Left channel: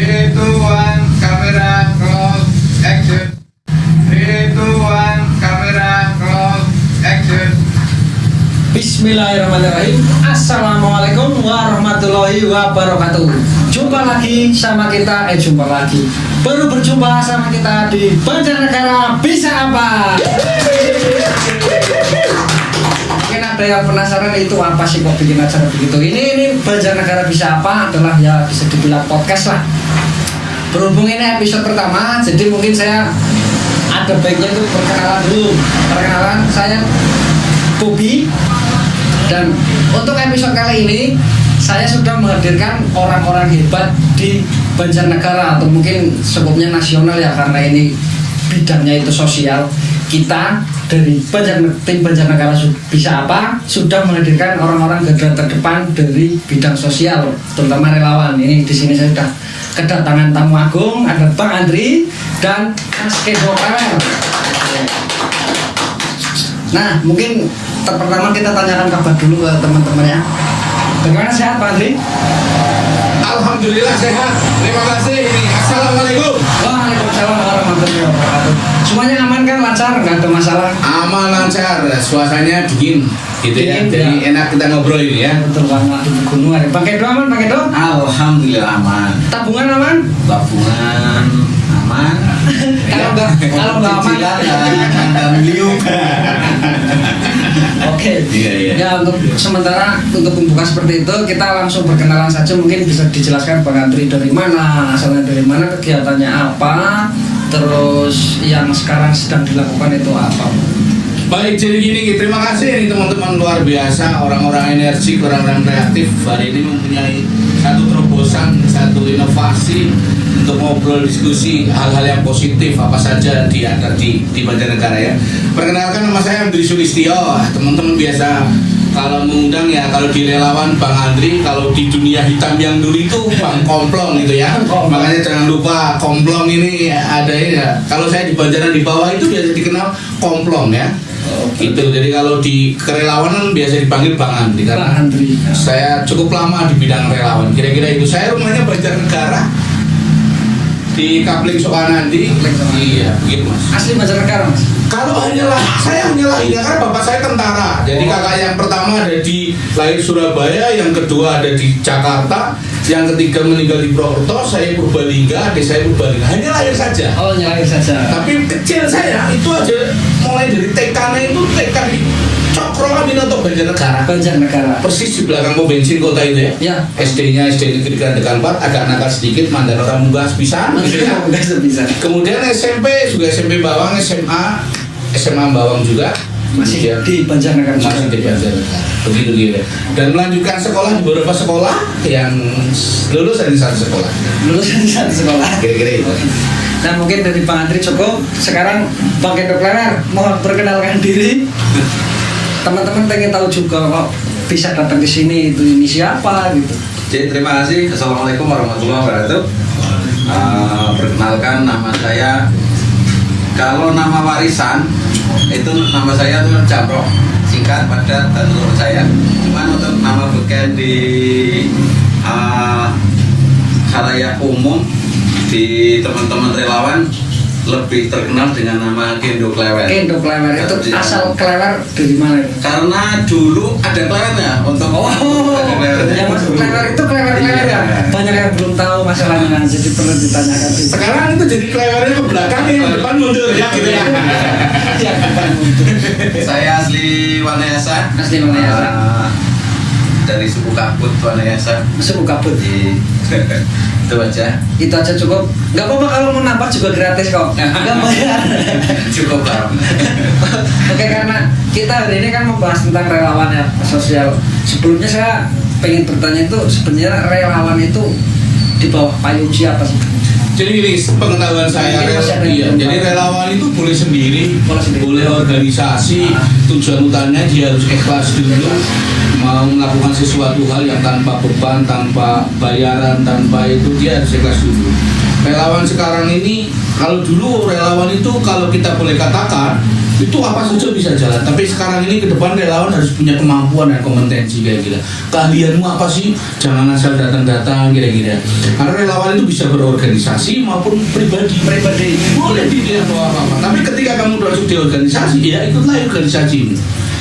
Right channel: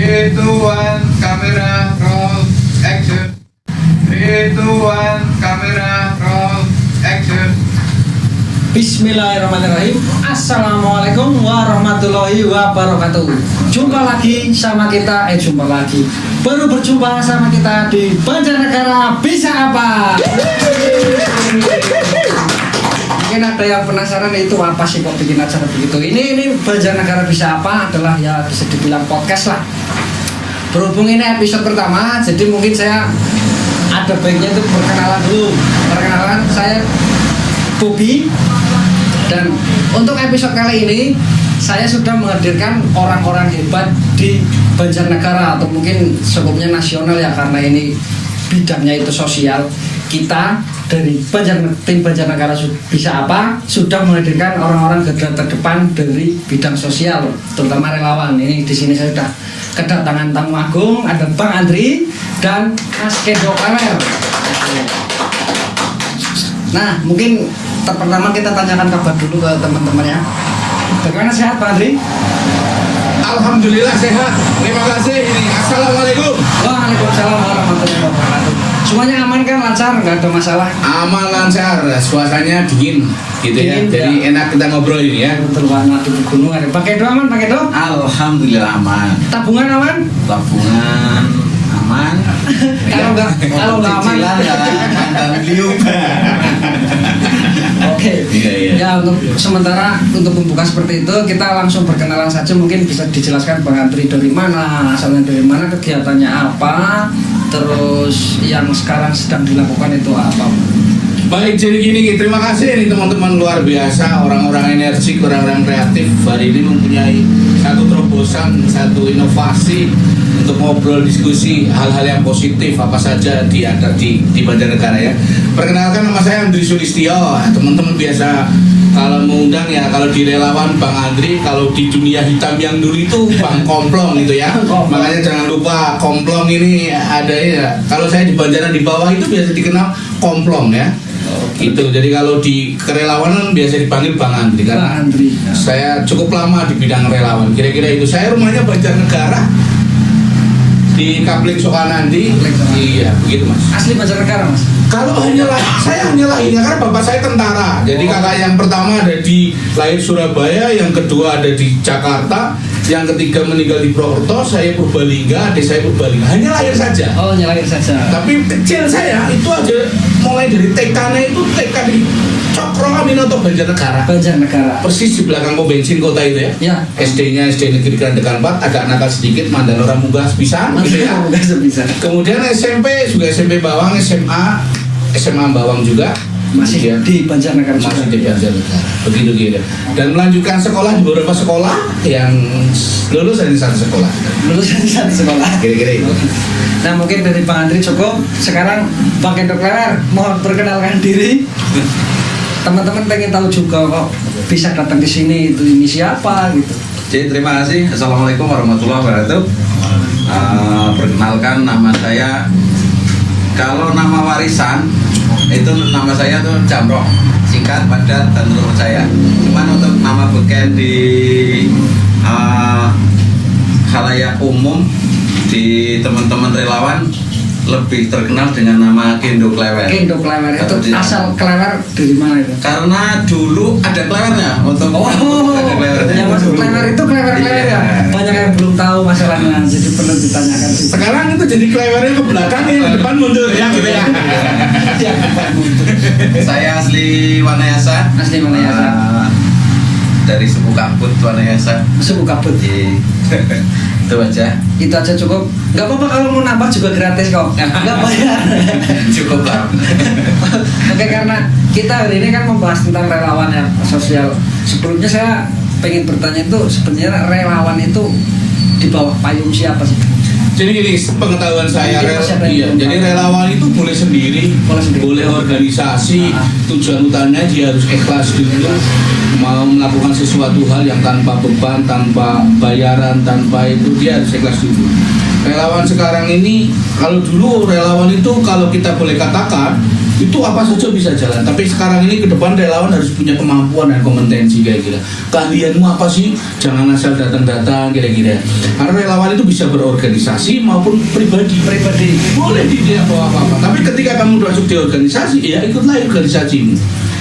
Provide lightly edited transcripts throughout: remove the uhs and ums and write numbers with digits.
3, 2, 1, kamera roll action. 3, 2, 1, kamera roll action. Bismillahirrahmanirrahim. Assalamualaikum warahmatullahi wabarakatuh. Jumpa lagi sama kita, baru berjumpa sama kita di Banjarnegara Bisa Apa. Mungkin ada yang penasaran itu apa sih kok bikin acara begitu. Ini Banjarnegara Bisa Apa adalah ya bisa dibilang podcast lah. Berhubung ini episode pertama, jadi mungkin saya ada baiknya itu perkenalan dulu. Perkenalan, saya Bobi, dan untuk episode kali ini saya sudah menghadirkan orang-orang hebat di Banjarnegara atau mungkin sebutnya nasional ya, karena ini bidangnya itu sosial. Kita dari tim Banjarnegara Bisa Apa sudah menghadirkan orang-orang garda terdepan dari bidang sosial, terutama relawan. Ini di sini saya sudah kedatangan tamu agung, ada Bang Andri dan Mas Kendo Klewer. Nah, mungkin pertama kita tanyakan kabar dulu ke teman-temannya. Bagaimana sehat Pak Andri? Alhamdulillah sehat. Terima kasih. Assalamualaikum. Waalaikumsalam warahmatullahi wabarakatuh. Semuanya aman kan, lancar, nggak ada masalah? Aman, lancar. Suasananya dingin gitu ya. Dingin, Jadi enak kita ngobrol ini ya. Betul banget, di pegunungan. Pakai doa aman, pakai doa? Alhamdulillah aman. Tabungan aman? Tabungan aman. Kalau nggak aman, dan beliau. Oke. Iya. Ya, untuk sementara untuk pembuka seperti itu kita langsung berkenalan saja. Mungkin bisa dijelaskan Bang Andri dari mana, asalnya dari mana, kegiatannya apa, terus yang sekarang sedang dilakukan itu apa. Baik, jadi gini, terima kasih ini teman-teman luar biasa, orang-orang energik, orang-orang kreatif. Hari ini mempunyai satu terobosan, satu inovasi untuk ngobrol, diskusi hal-hal yang positif apa saja ada di Banjarnegara ya. Perkenalkan, nama saya Andri Sulistyo. Teman-teman biasa kalau mengundang ya, kalau di relawan Bang Andri, kalau di dunia hitam yang dulu itu Bang Komplong gitu ya. Makanya jangan lupa Komplong ini ada ya. Kalau saya di Banjaran di bawah itu biasa dikenal Komplong ya. Gitu. Jadi kalau di kerelawanan biasa dipanggil Bang Andri karena saya cukup lama di bidang relawan. Kira-kira itu. Saya rumahnya Banjarnegara di Kapling Sokanandi. Iya, begitu Mas. Asli Banjarnegara Mas? Kalau saya hanya lahirnya karena bapak saya tentara. Jadi kakak yang pertama ada di lahir Surabaya, yang kedua ada di Jakarta, yang ketiga meninggal di Purwokerto, saya Purbalingga, adik saya Purbalingga. Hanya lahir saja. Oh, hanya lahir saja. Tapi kecil saya itu aja mulai dari TK-nya itu TK di Cokro Aminoto Banjarnegara. Persis di belakang pom bensin kota itu ya. Ya. SD-nya SD Negeri Grandegan 4, agak nakal sedikit, mandar orang munggah sepisan gitu ya. Kemudian SMP juga SMP Bawang, SMA Bawang juga. Masih di Banjarnegara. Masih di Banjarnegara. Begitu gitu. Dan melanjutkan sekolah di beberapa sekolah yang lulus dari satu sekolah. Kira-kira itu. Nah, mungkin dari Bang Andri cukup. Sekarang Bang Kendo Klewer, mohon perkenalkan diri. Teman-teman pengen tahu juga kok bisa datang di sini, itu ini siapa gitu. Jadi terima kasih. Assalamualaikum warahmatullahi wabarakatuh. Perkenalkan, nama saya, kalau nama warisan itu nama saya tuh Jamroh, singkat padat dan menurut saya. Cuman untuk nama beken di khalayak umum, di teman-teman relawan lebih terkenal dengan nama Kendo Klewer. Kendo Klewer itu asal Klewer dari mana itu? Karena dulu ada klewernya untuk yang masuk Klewer itu Klewer ya. Banyak yang belum tahu masalahnya, jadi perlu ditanyakan. Sekarang itu jadi Klewernya ke belakang, yang depan mundur ya gitu ya. Saya asli Wanayasa. Dari suku Kabut Wanayasa. Suku Kabut. Itu aja. Itu aja cukup. Gak apa-apa kalau mau nambah juga gratis kok. Gak bayar. Cukup Pak. Oke, karena kita hari ini kan membahas tentang relawan ya, sosial. Sebelumnya saya pengen bertanya itu sebenarnya relawan itu di bawah payung siapa sih? Jadi gini, pengetahuan saya jadi relawan itu boleh sendiri, boleh organisasi. Tujuan utamanya dia harus ikhlas dulu, mau melakukan sesuatu hal yang tanpa beban, tanpa bayaran, tanpa itu dia harus ikhlas dulu. Relawan sekarang ini, kalau dulu relawan itu kalau kita boleh katakan itu apa saja bisa jalan, tapi sekarang ini ke depan relawan harus punya kemampuan dan kompetensi kayak gitu. Keahlianmu apa sih? Jangan asal datang-datang kira-kira. Karena relawan itu bisa berorganisasi maupun pribadi. Boleh dia bawa apa-apa. Tapi ketika kamu masuk di organisasi, ya ikutlah organisasimu.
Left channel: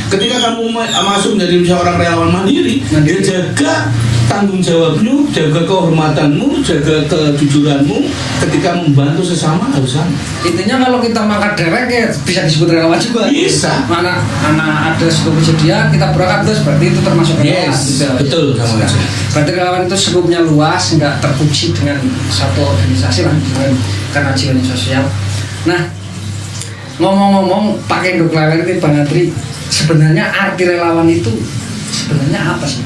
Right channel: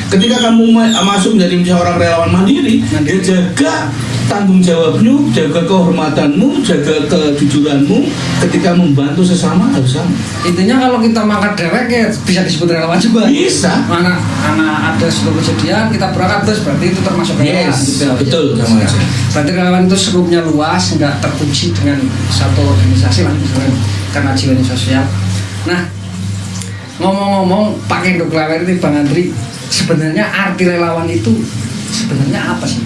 Ketika kamu masuk menjadi seorang relawan mandiri, ya jaga tanggung jawabmu, jaga kehormatanmu, jaga kejujuranmu. Ketika membantu sesama harus sama. Intinya kalau kita makan dewek ya bisa disebut relawan juga. Bisa. Mana ada sebuah kejadian kita berangkat terus berarti itu termasuk relawan. Yes, gitu. betul sama aja. Berarti relawan itu skupnya luas, nggak terkunci dengan satu organisasi lah, misalkan karena jiwanya sosial. Nah, ngomong-ngomong pakai induk lewer ini Bang Andri, sebenarnya arti relawan itu sebenarnya apa sih?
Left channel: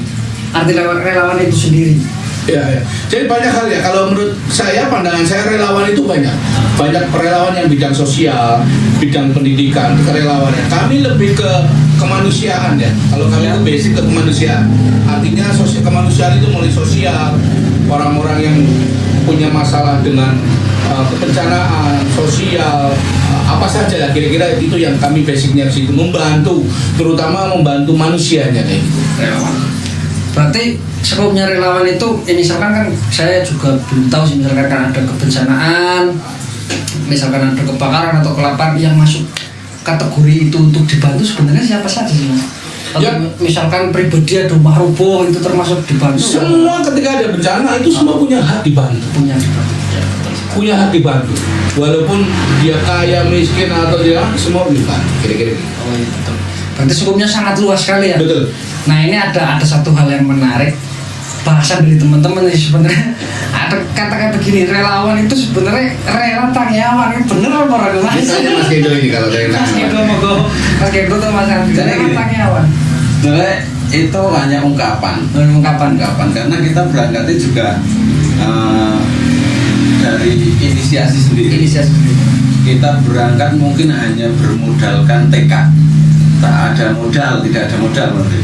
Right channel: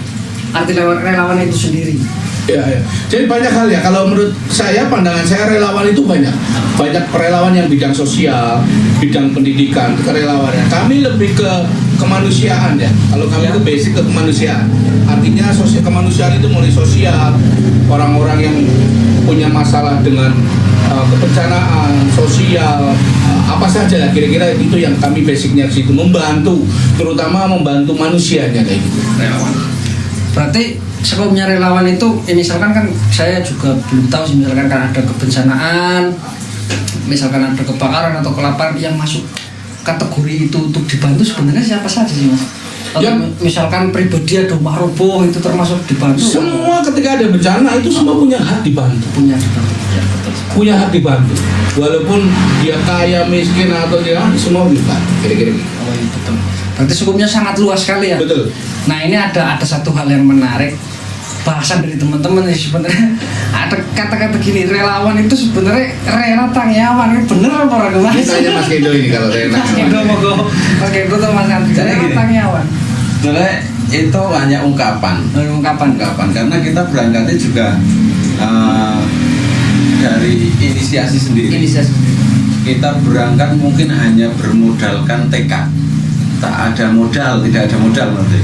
Arti relawan itu sendiri. Ya. Jadi banyak hal ya. Kalau menurut saya, pandangan saya relawan itu banyak relawan yang bidang sosial, bidang pendidikan, kerelawanan. Kami lebih ke kemanusiaan ya. Kalau kami itu basic ke kemanusiaan. Artinya sosial kemanusiaan itu mulai sosial, orang-orang yang punya masalah dengan kebencanaan sosial, apa saja lah kira-kira itu yang kami basicnya di situ, membantu, terutama membantu manusianya kayak gitu. Relawan. Berarti skopnya relawan itu, misalkan kan saya juga belum tahu sih, misalkan kan ada kebencanaan, misalkan ada kebakaran atau kelaparan yang masuk kategori itu untuk dibantu sebenarnya siapa saja sih Mas? Atau misalkan pribadi ada rumah roboh itu termasuk dibantu? Semua ketika ada bencana itu semua punya hak dibantu. Punya hak dibantu. Walaupun dia kaya, miskin atau dia semua dibantu. Kira-kira gitu. Oh iya betul. Berarti skopnya sangat luas sekali ya. Betul. Nah ini ada satu hal yang menarik, bahasan dari teman-teman nih sebenarnya. Ada kata-kata gini, relawan itu sebenarnya rela tangyawan. Ini bener apa orang Mas? Tanya Mas Kedo ini kalau dari Mas Kedo mogo, Mas Kedo tuh Mas Andri. Rela tangyawan. Sebenarnya itu hanya ungkapan karena kita berangkatnya juga dari inisiasi sendiri. Kita berangkat mungkin hanya bermodalkan tekad. Tak ada modal, tidak ada modal berarti.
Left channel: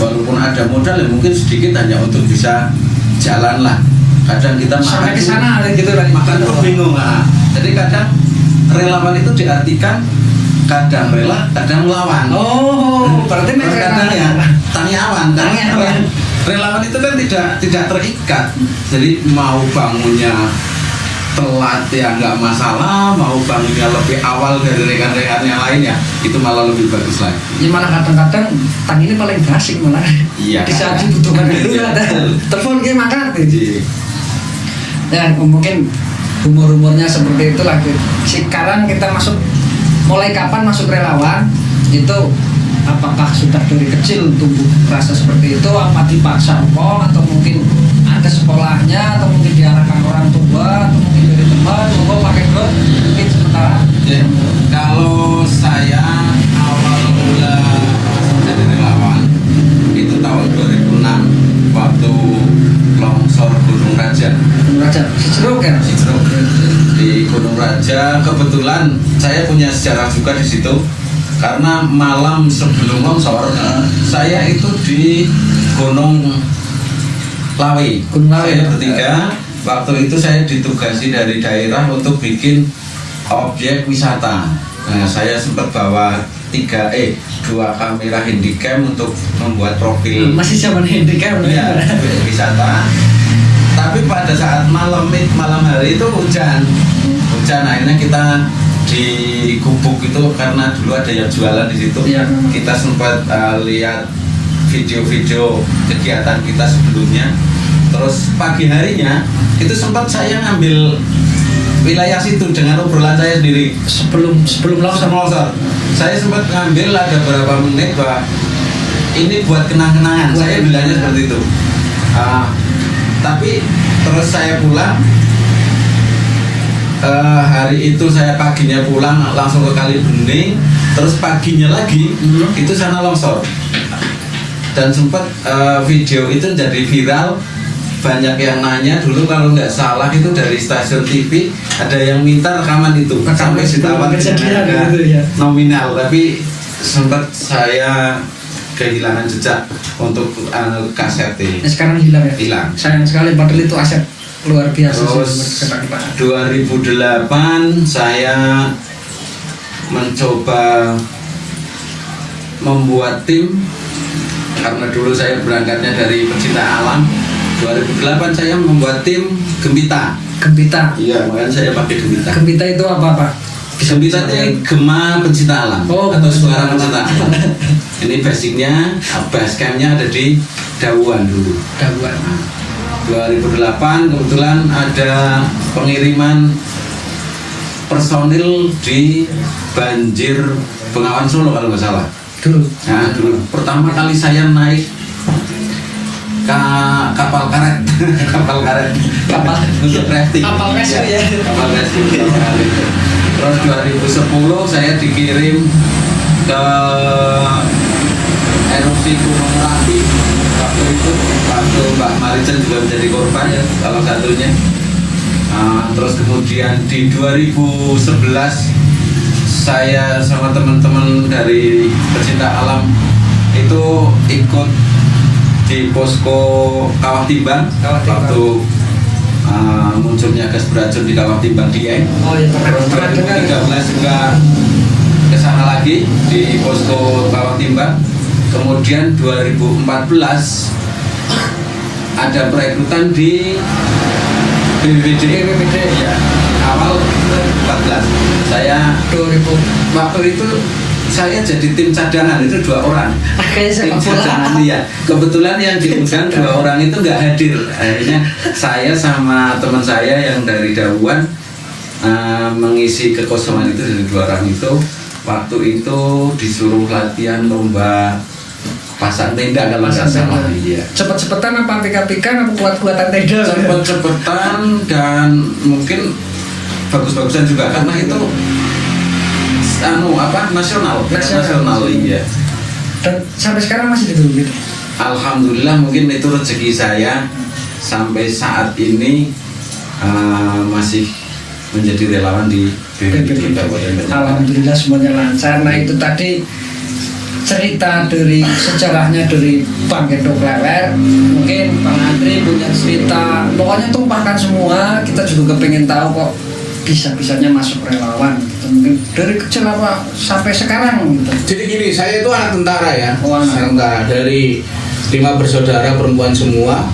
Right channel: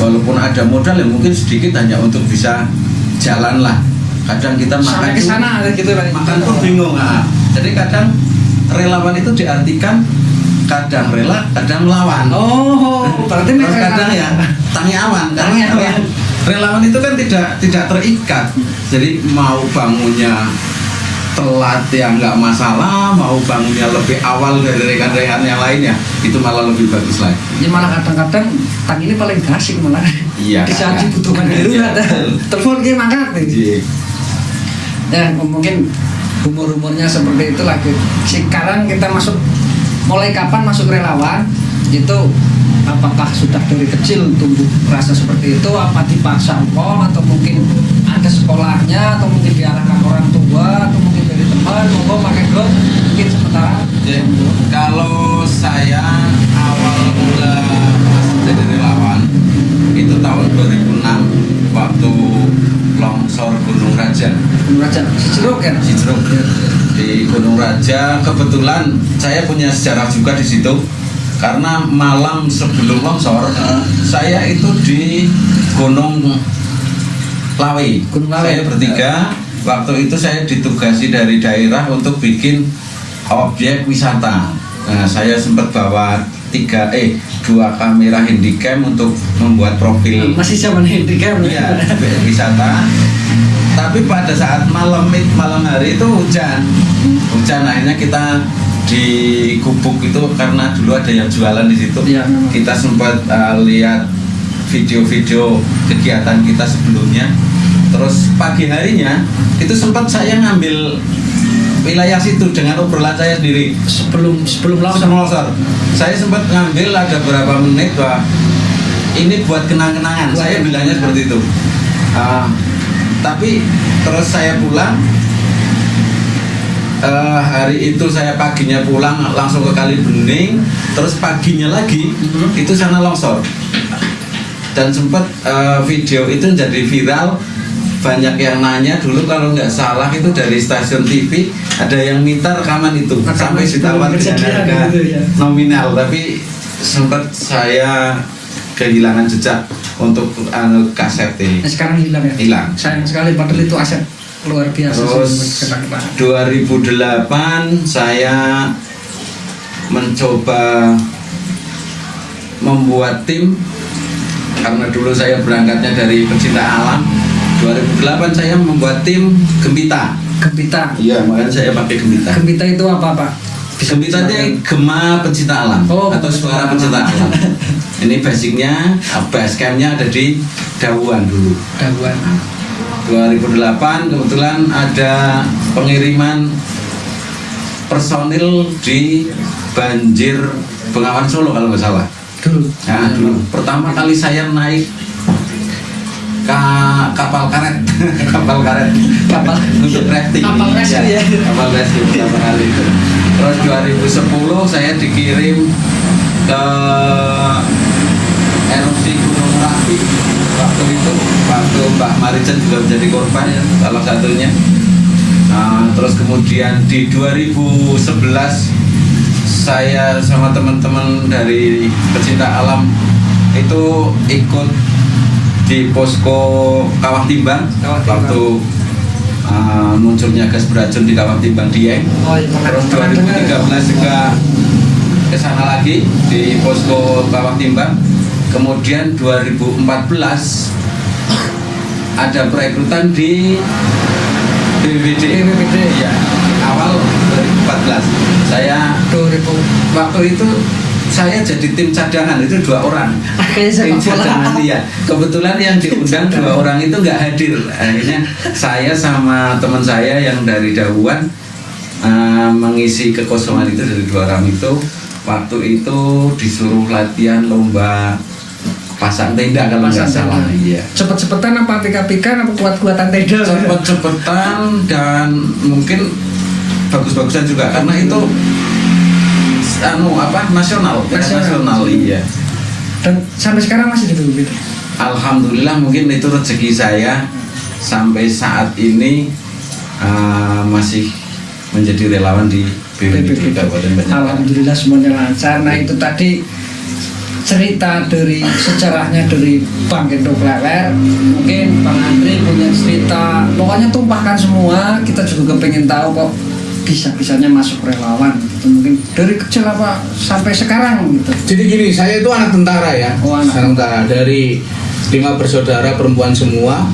Walaupun ada modal ya mungkin sedikit hanya untuk bisa jalan lah. Kadang kita makan ke sana gitu lah. Makan tuh bingung. Jadi kadang relawan itu diartikan kadang rela, kadang melawan. Oh, berarti kadang ya tangyawan. Relawan itu kan tidak terikat. Jadi mau bangunnya telat ya nggak masalah, mau bangunnya lebih awal dari rekan-rekan yang lainnya itu malah lebih bagus lagi. Ya malah kadang-kadang tang ini paling gasik malah. Iya. Bisa dibutuhkan dulu ada telepon kayak makan. Ya mungkin umur-umurnya seperti itu lagi. Sekarang kita mulai kapan masuk relawan itu, apakah sudah dari kecil tumbuh rasa seperti itu, apa dipaksa atau mungkin ada sekolahnya, atau mungkin diarahkan orang tua, atau mungkin dari teman, pakai drone mungkin sementara. Kalau saya awal mula jadi relawan itu tahun 2006 waktu longsor Gunung Raja. Cijeruk kan? Cijeruk. Di Gunung Raja kebetulan saya punya sejarah juga di situ. Karena malam sebelum longsor, saya itu di Gunung Lawe. Saya bertiga. Waktu itu saya ditugasi dari daerah untuk bikin objek wisata. Nah, saya sempat bawa 2 kamera handycam untuk membuat profil. Masih zaman handycam ya, wisata. Tapi pada saat malam hari itu hujan, akhirnya kita di gubuk itu karena dulu ada yang jualan di situ. Ya. Kita sempat lihat video-video kegiatan kita sebelumnya. Terus pagi harinya itu sempat saya ngambil wilayah situ dengan obrolan saya sendiri sebelum longsor. Saya sempat ngambil ada berapa menit bahwa ini buat kenang-kenangan. Saya bilangnya seperti itu. Tapi terus saya pulang. Hari itu saya paginya pulang langsung ke Kali Bening, terus paginya lagi itu sana longsor. Dan sempat video itu jadi viral, banyak yang nanya dulu kalau nggak salah itu dari stasiun TV ada yang minta rekaman itu sampai ditawar dengan nominal, tapi sempat saya kehilangan jejak untuk kaset ini. Sekarang hilang ya? Hilang. Sayang sekali, padahal itu aset luar biasa Terus sih. 2008 saya mencoba membuat tim karena dulu saya berangkatnya dari pecinta alam. 2008 saya membuat tim Gembita. Gembita. Iya, makanya saya pakai Gembita. Gembita itu apa Pak? Gembita itu Gema Pencinta Alam atau Suara Pencinta Alam. Ini basicnya, base campnya ada di Dawuan dulu. Dawuan. 2008 kebetulan ada pengiriman personil di banjir Bengawan Solo kalau nggak salah. Dulu. Nah, dulu pertama kali saya naik kapal karet untuk rafting. Kapal rescue ya. Kapal rescue pertama kali itu. Terus 2010 saya dikirim ke erupsi Gunung Merapi. Waktu itu Mbak Marijan juga menjadi korban ya, salah satunya. Terus kemudian di 2011 saya sama teman-teman dari pecinta alam itu ikut di posko Kawah Timbang waktu munculnya gas beracun di Kawah Timbang Dieng. Oh iya, Terus 2013 juga ke sana lagi di posko Kawah Timbang. Kemudian 2014 ada perekrutan di BPBD. Ya, awal 2014 saya 2000 waktu itu saya jadi tim cadangan itu 2 orang. Tim cadangan ya. Kebetulan yang diundang 2 orang itu nggak hadir. Akhirnya saya sama teman saya yang dari Dawuan mengisi kekosongan itu dari 2 orang itu. Waktu itu disuruh latihan lomba pasang tenda kalau nggak salah. Iya. Cepet-cepetan apa apik-apikan apa kuat-kuatan tenda? Cepet-cepetan dan mungkin bagus-bagusan juga karena itu nasional iya. Dan sampai sekarang masih gitu. Alhamdulillah mungkin itu rezeki saya sampai saat ini masih menjadi relawan di BPBD Kabupaten Banjarmasin. Alhamdulillah semuanya lancar. Nah itu tadi cerita dari sejarahnya dari Bang Gendo Klewer. Mungkin Bang Andri punya cerita, pokoknya tumpahkan semua. Kita juga pengen tahu kok bisa-bisanya masuk relawan gitu. Mungkin dari kecil apa sampai sekarang gitu. Jadi gini, saya itu anak tentara ya. Anak tentara dari 5 bersaudara perempuan semua.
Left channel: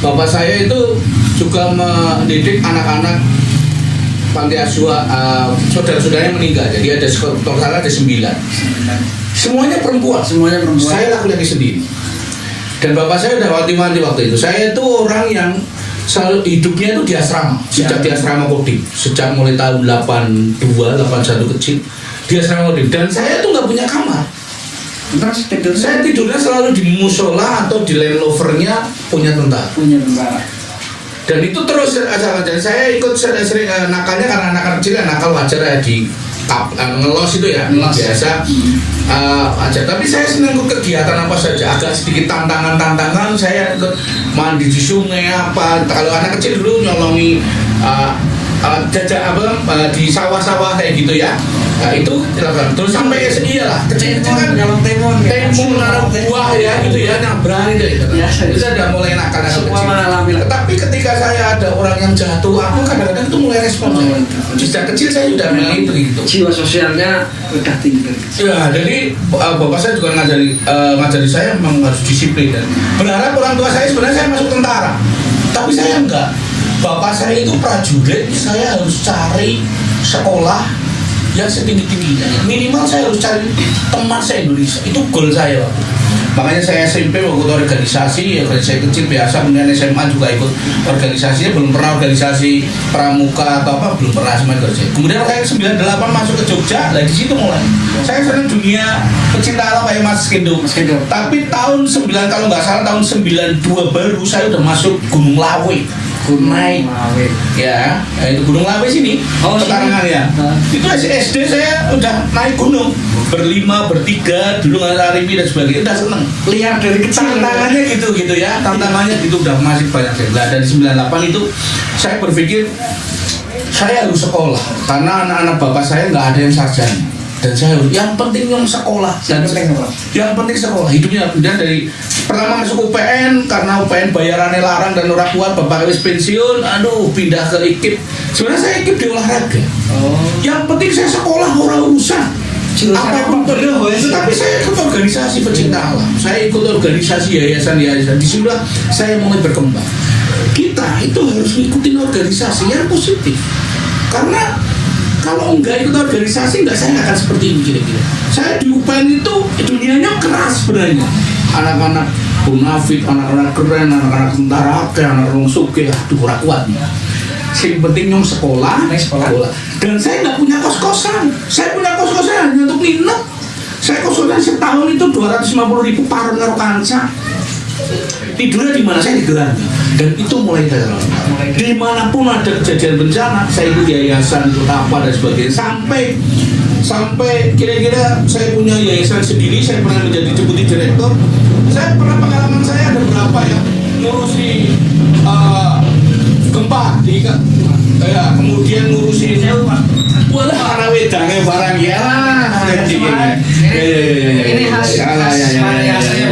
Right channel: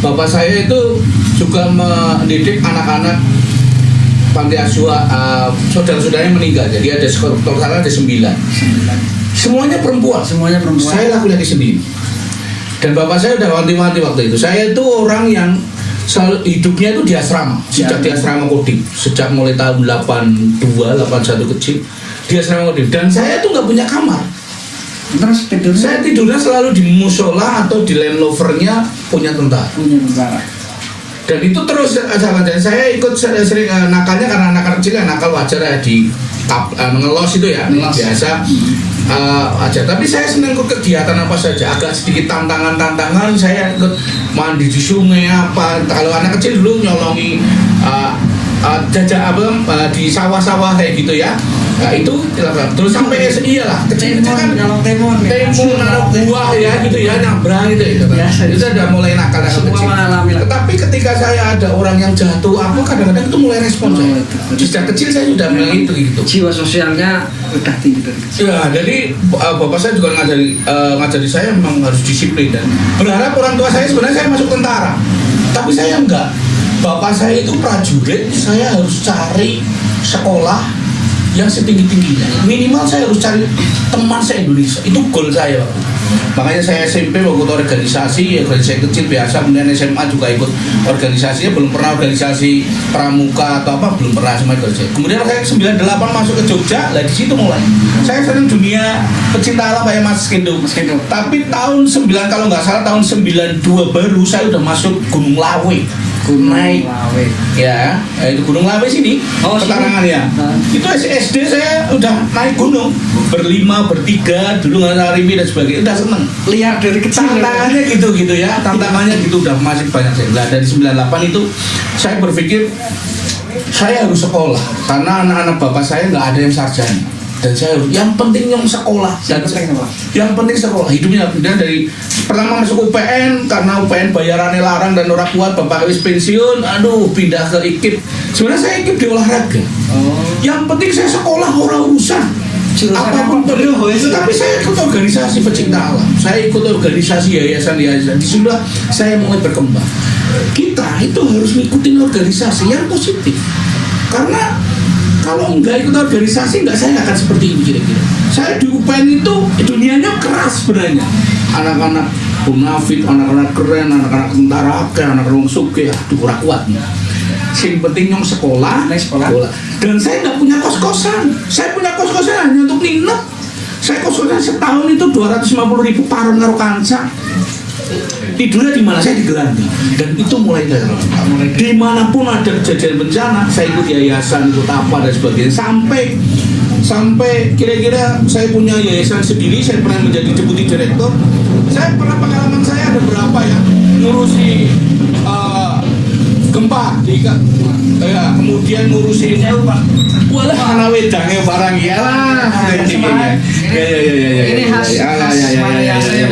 Bapak saya itu juga mendidik anak-anak panti asuhan, saudara-saudaranya meninggal. Jadi ada total ada 9. Semuanya perempuan. Saya laki-laki sendiri. Dan bapak saya udah wanti-wanti waktu itu. Saya itu orang yang selalu hidupnya itu di asrama. Sejak di asrama Kodim. Sejak mulai tahun 82, 81 kecil di asrama Kodim. Dan saya tuh nggak punya kamar. Terus tidurnya? Saya tidurnya selalu di musola atau di Land Rovernya punya tentara. Dan itu terus dan saya ikut sering nakalnya karena anak kecil ya, nakal wajar ya di ngelos itu ya biasa aja. Tapi saya senang ikut kegiatan apa saja, agak sedikit tantangan saya ikut mandi di sungai apa. Kalau anak kecil dulu nyolongi jajak di sawah-sawah kayak gitu ya. Nah itu terus sampai iyalah kecil kan timun naruh buah ya gitu ya, nyabrang gitu. Itu sudah mulai nakal kecil. Tetapi ketika saya ada orang yang jatuh, aku kadang-kadang itu mulai respon saya. Sejak kecil saya sudah mulai itu gitu. Jiwa sosialnya udah tinggi dari kecil. Ya, jadi bapak saya juga ngajari saya memang harus disiplin dan berharap orang tua saya sebenarnya saya masuk tentara. Tapi saya enggak. Bapak saya itu prajurit, saya harus cari sekolah yang setinggi-tingginya. Minimal saya harus cari teman se-Indonesia. Itu goal saya. Makanya saya SMP waktu organisasi kecil biasa, kemudian SMA juga ikut organisasinya, belum pernah organisasi pramuka atau apa, belum pernah sama ikut. Kemudian saya 98 masuk ke Jogja, di situ mulai. Saya senang dunia pecinta alam kayak Mas Gendo. Tapi tahun 9 kalau nggak salah tahun 92 baru saya udah masuk Gunung Lawe. Naik ya, itu Gunung Lawe sini, Pekarangan ya. Itu SD saya udah naik gunung berlima, bertiga, dulu nggak Arimi dan sebagainya, udah seneng. Lihat dari kecil. Tantangannya gitu ya, tantangannya gitu udah masih banyak saya. Nah, dari 98 itu saya berpikir saya harus sekolah karena anak-anak bapak saya nggak ada yang sarjana. dan saya harus yang penting yang sekolah dan yang penting sekolah hidupnya. Kemudian dari pertama masuk UPN karena UPN bayarannya larang dan orang kuat, bapak wis pensiun, aduh pindah ke IKIP. Sebenarnya saya IKIP di olahraga. Yang penting saya sekolah, orang urusan apapun perlu, tetapi saya ikut organisasi pecinta alam, saya ikut organisasi yayasan. Disitulah saya mulai berkembang. Kita itu harus ngikutin organisasi yang positif, karena kalau nggak ikut organisasi saya nggak akan seperti ini kira-kira. Saya di UPN itu dunianya keras sebenarnya, anak-anak munafik, anak-anak keren, anak-anak tentara, anak-anak suke, aduh kurang kuat nih. Yang penting yang sekolah. Dan saya nggak punya kos-kosan. Saya punya kos-kosan hanya untuk nginep. Saya kos-kosan setahun itu 250.000 parang karo kanca. Tidurnya di mana? Saya di gelandang. Dan itu mulai dari dimanapun ada kejadian bencana, saya ikut yayasan, ikut apa dan sebagainya. Sampai kira-kira saya punya yayasan sendiri. Saya pernah menjadi deputi direktur. Saya pernah pengalaman saya ada berapa ya ngurusi gempa, kemudian ngurusin walah anak wedangnya barang ya lah. Ini khas Maria saya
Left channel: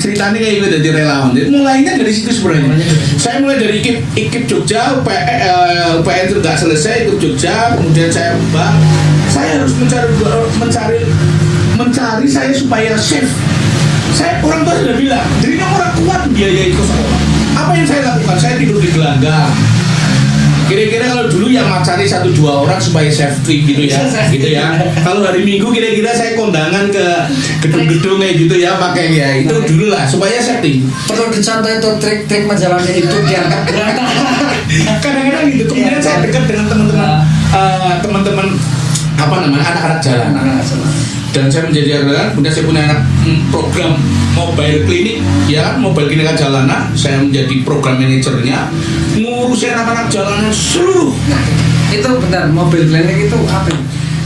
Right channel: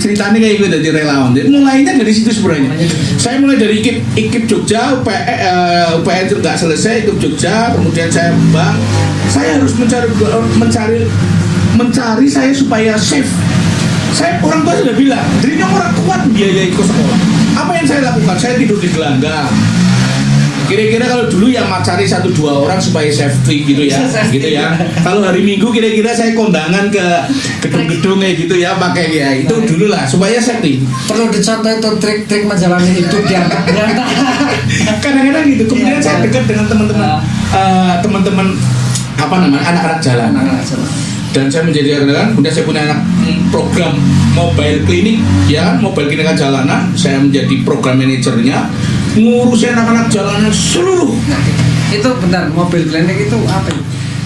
ceritanya kayak gitu dari relawan. Jadi mulainya dari situ sebenarnya. Saya mulai dari IKIP Jogja, UPN itu nggak selesai, ikut Jogja, kemudian saya bang, saya harus mencari saya supaya safe. Saya orang tua sudah bilang, dirinya orang kuat biayai ke sekolah. Apa yang saya lakukan? Saya tidur di gelandang. Kira-kira kalau dulu yang cari 1-2 orang supaya safety gitu ya. Kalau hari Minggu kira-kira saya kondangan ke gedung-gedung kayak gitu ya, pakai ya itu dulu lah supaya safety. Perlu dicontoh itu trik-trik menjalani hidup yang berantakan. Kadang-kadang gitu. Kemudian saya dekat dengan teman-teman anak-anak jalanan. Dan saya menjadi relawan, kemudian saya punya program mobile klinik, ya mobile klinik jalanan. Saya menjadi program manajernya, ngurusin anak-anak jalanan seluruh. Itu bentar, mobile klinik itu apa?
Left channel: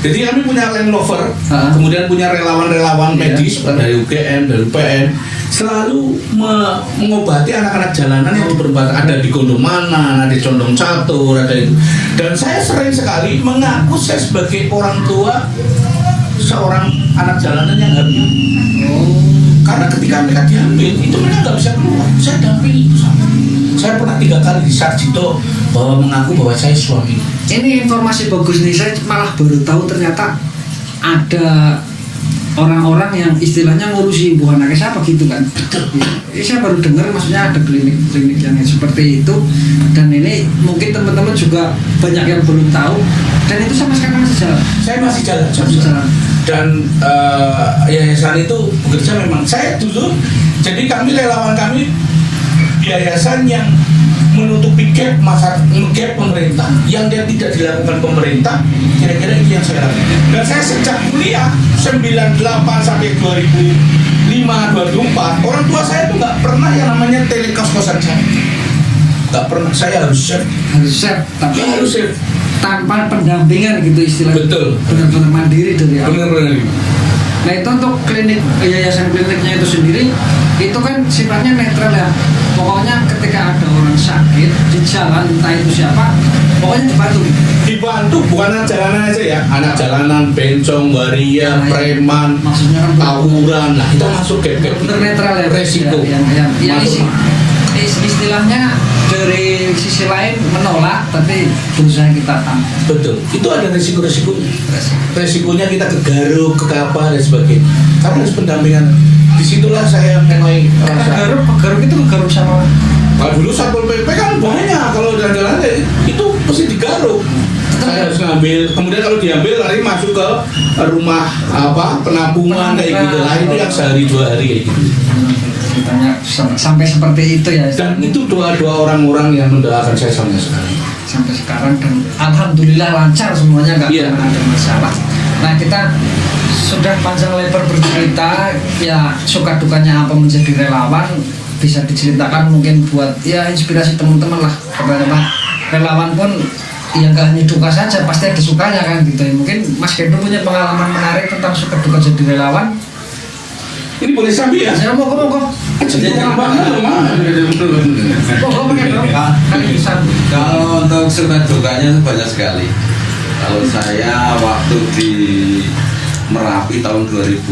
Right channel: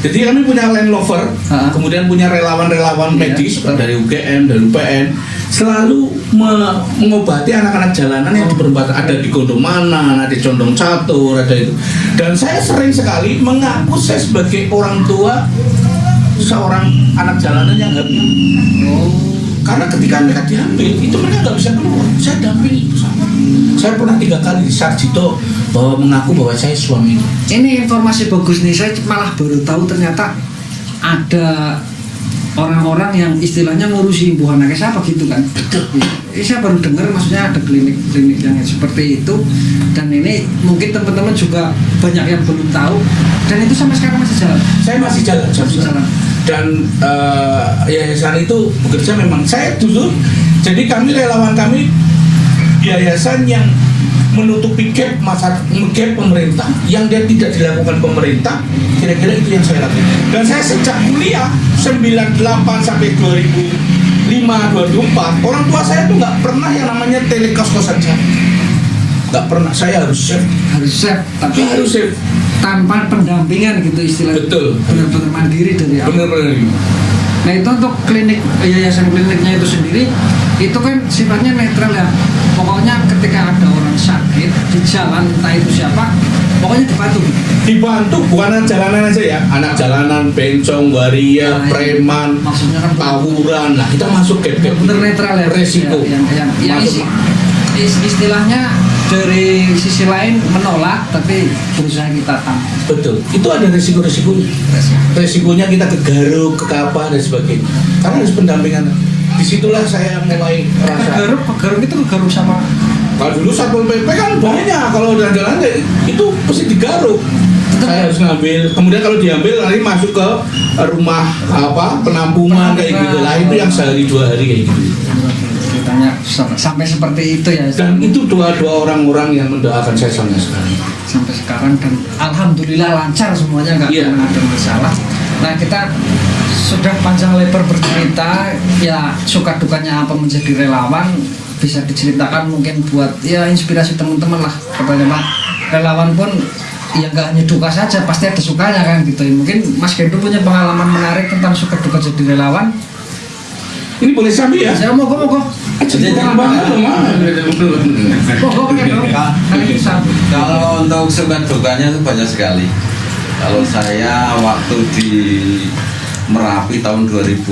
Jadi kami punya land rover, kemudian punya relawan-relawan medis dari UGM, dari UPN, selalu mengobati anak-anak jalanan yang berbata, ada di Gondomana, ada di Condong Catur, ada itu. Dan saya sering sekali mengaku saya sebagai orang tua seorang anak jalanan yang hamil. Karena ketika mereka diambil, itu mereka nggak bisa keluar. Saya dampingi itu sama. Saya pernah 3 kali di Sarjito bahwa mengaku bahwa saya suami. Ini informasi bagus nih, saya malah baru tahu ternyata ada orang-orang yang istilahnya ngurusi ibu anaknya siapa gitu kan. Ini saya baru dengar, maksudnya ada klinik yang seperti itu. Dan ini mungkin teman-teman juga banyak yang belum tahu. Dan itu sama sekarang masih jalan. Saya masih jalan. Dan yayasan itu bekerja memang. Saya dulu, jadi kami relawan kami yayasan yang menutupi gap pemerintah yang dia tidak dilakukan pemerintah, kira-kira itu yang saya lakukan. Dan saya sejak kuliah 98 sampai 2005 2004 orang tua saya tuh nggak pernah yang namanya telekos-kosan saya, nggak pernah. Saya harus safe, tapi harus safe tanpa pendampingan gitu istilahnya. Betul. Benar-benar mandiri dari awal. Benar-benar. Nah itu untuk klinik, yayasan kliniknya itu sendiri itu kan sifatnya netral ya. Pokoknya ketika ada orang sakit di jalan, entah itu siapa, pokoknya dibantu bukan anak jalanan aja ya, anak jalanan, bencong, waria, preman, maksudnya kan tawuran, nah kita masuk ke benar netral ya, resiko yang istilahnya dari sisi lain menolak tapi berusaha kita tahan. Betul, itu ada resikonya kita kegaruk, ke apa dan sebagainya, karena harus pendampingan. Disitulah saya mulai rasa pegaruk itu pegaruk sama. Kalau dulu Satpol PP kan banyak, kalau jalan-jalan itu pasti digaruk. Saya harus ngambil, kemudian kalau diambil nanti masuk ke rumah penampungan kayak gitu lah, itu yang sehari 2 hari kayak gitu. Ceritanya sampai seperti itu ya. Dan itu dua orang-orang yang mendoakan saya sampai sekarang. Sampai sekarang dan alhamdulillah lancar semuanya, nggak pernah ada masalah. Nah kita sudah panjang lebar bercerita ya, suka dukanya apa menjadi relawan, bisa diceritakan mungkin buat ya inspirasi teman-teman lah kepada relawan pun yang gak hanya duka saja, pasti ada sukanya kan gitu ya. Mungkin Mas Gendo punya pengalaman menarik tentang suka duka jadi relawan. Ini boleh sambil ya? Ya moga. Kalau untuk suka dukanya itu banyak sekali. Kalau saya waktu di Merapi tahun 2010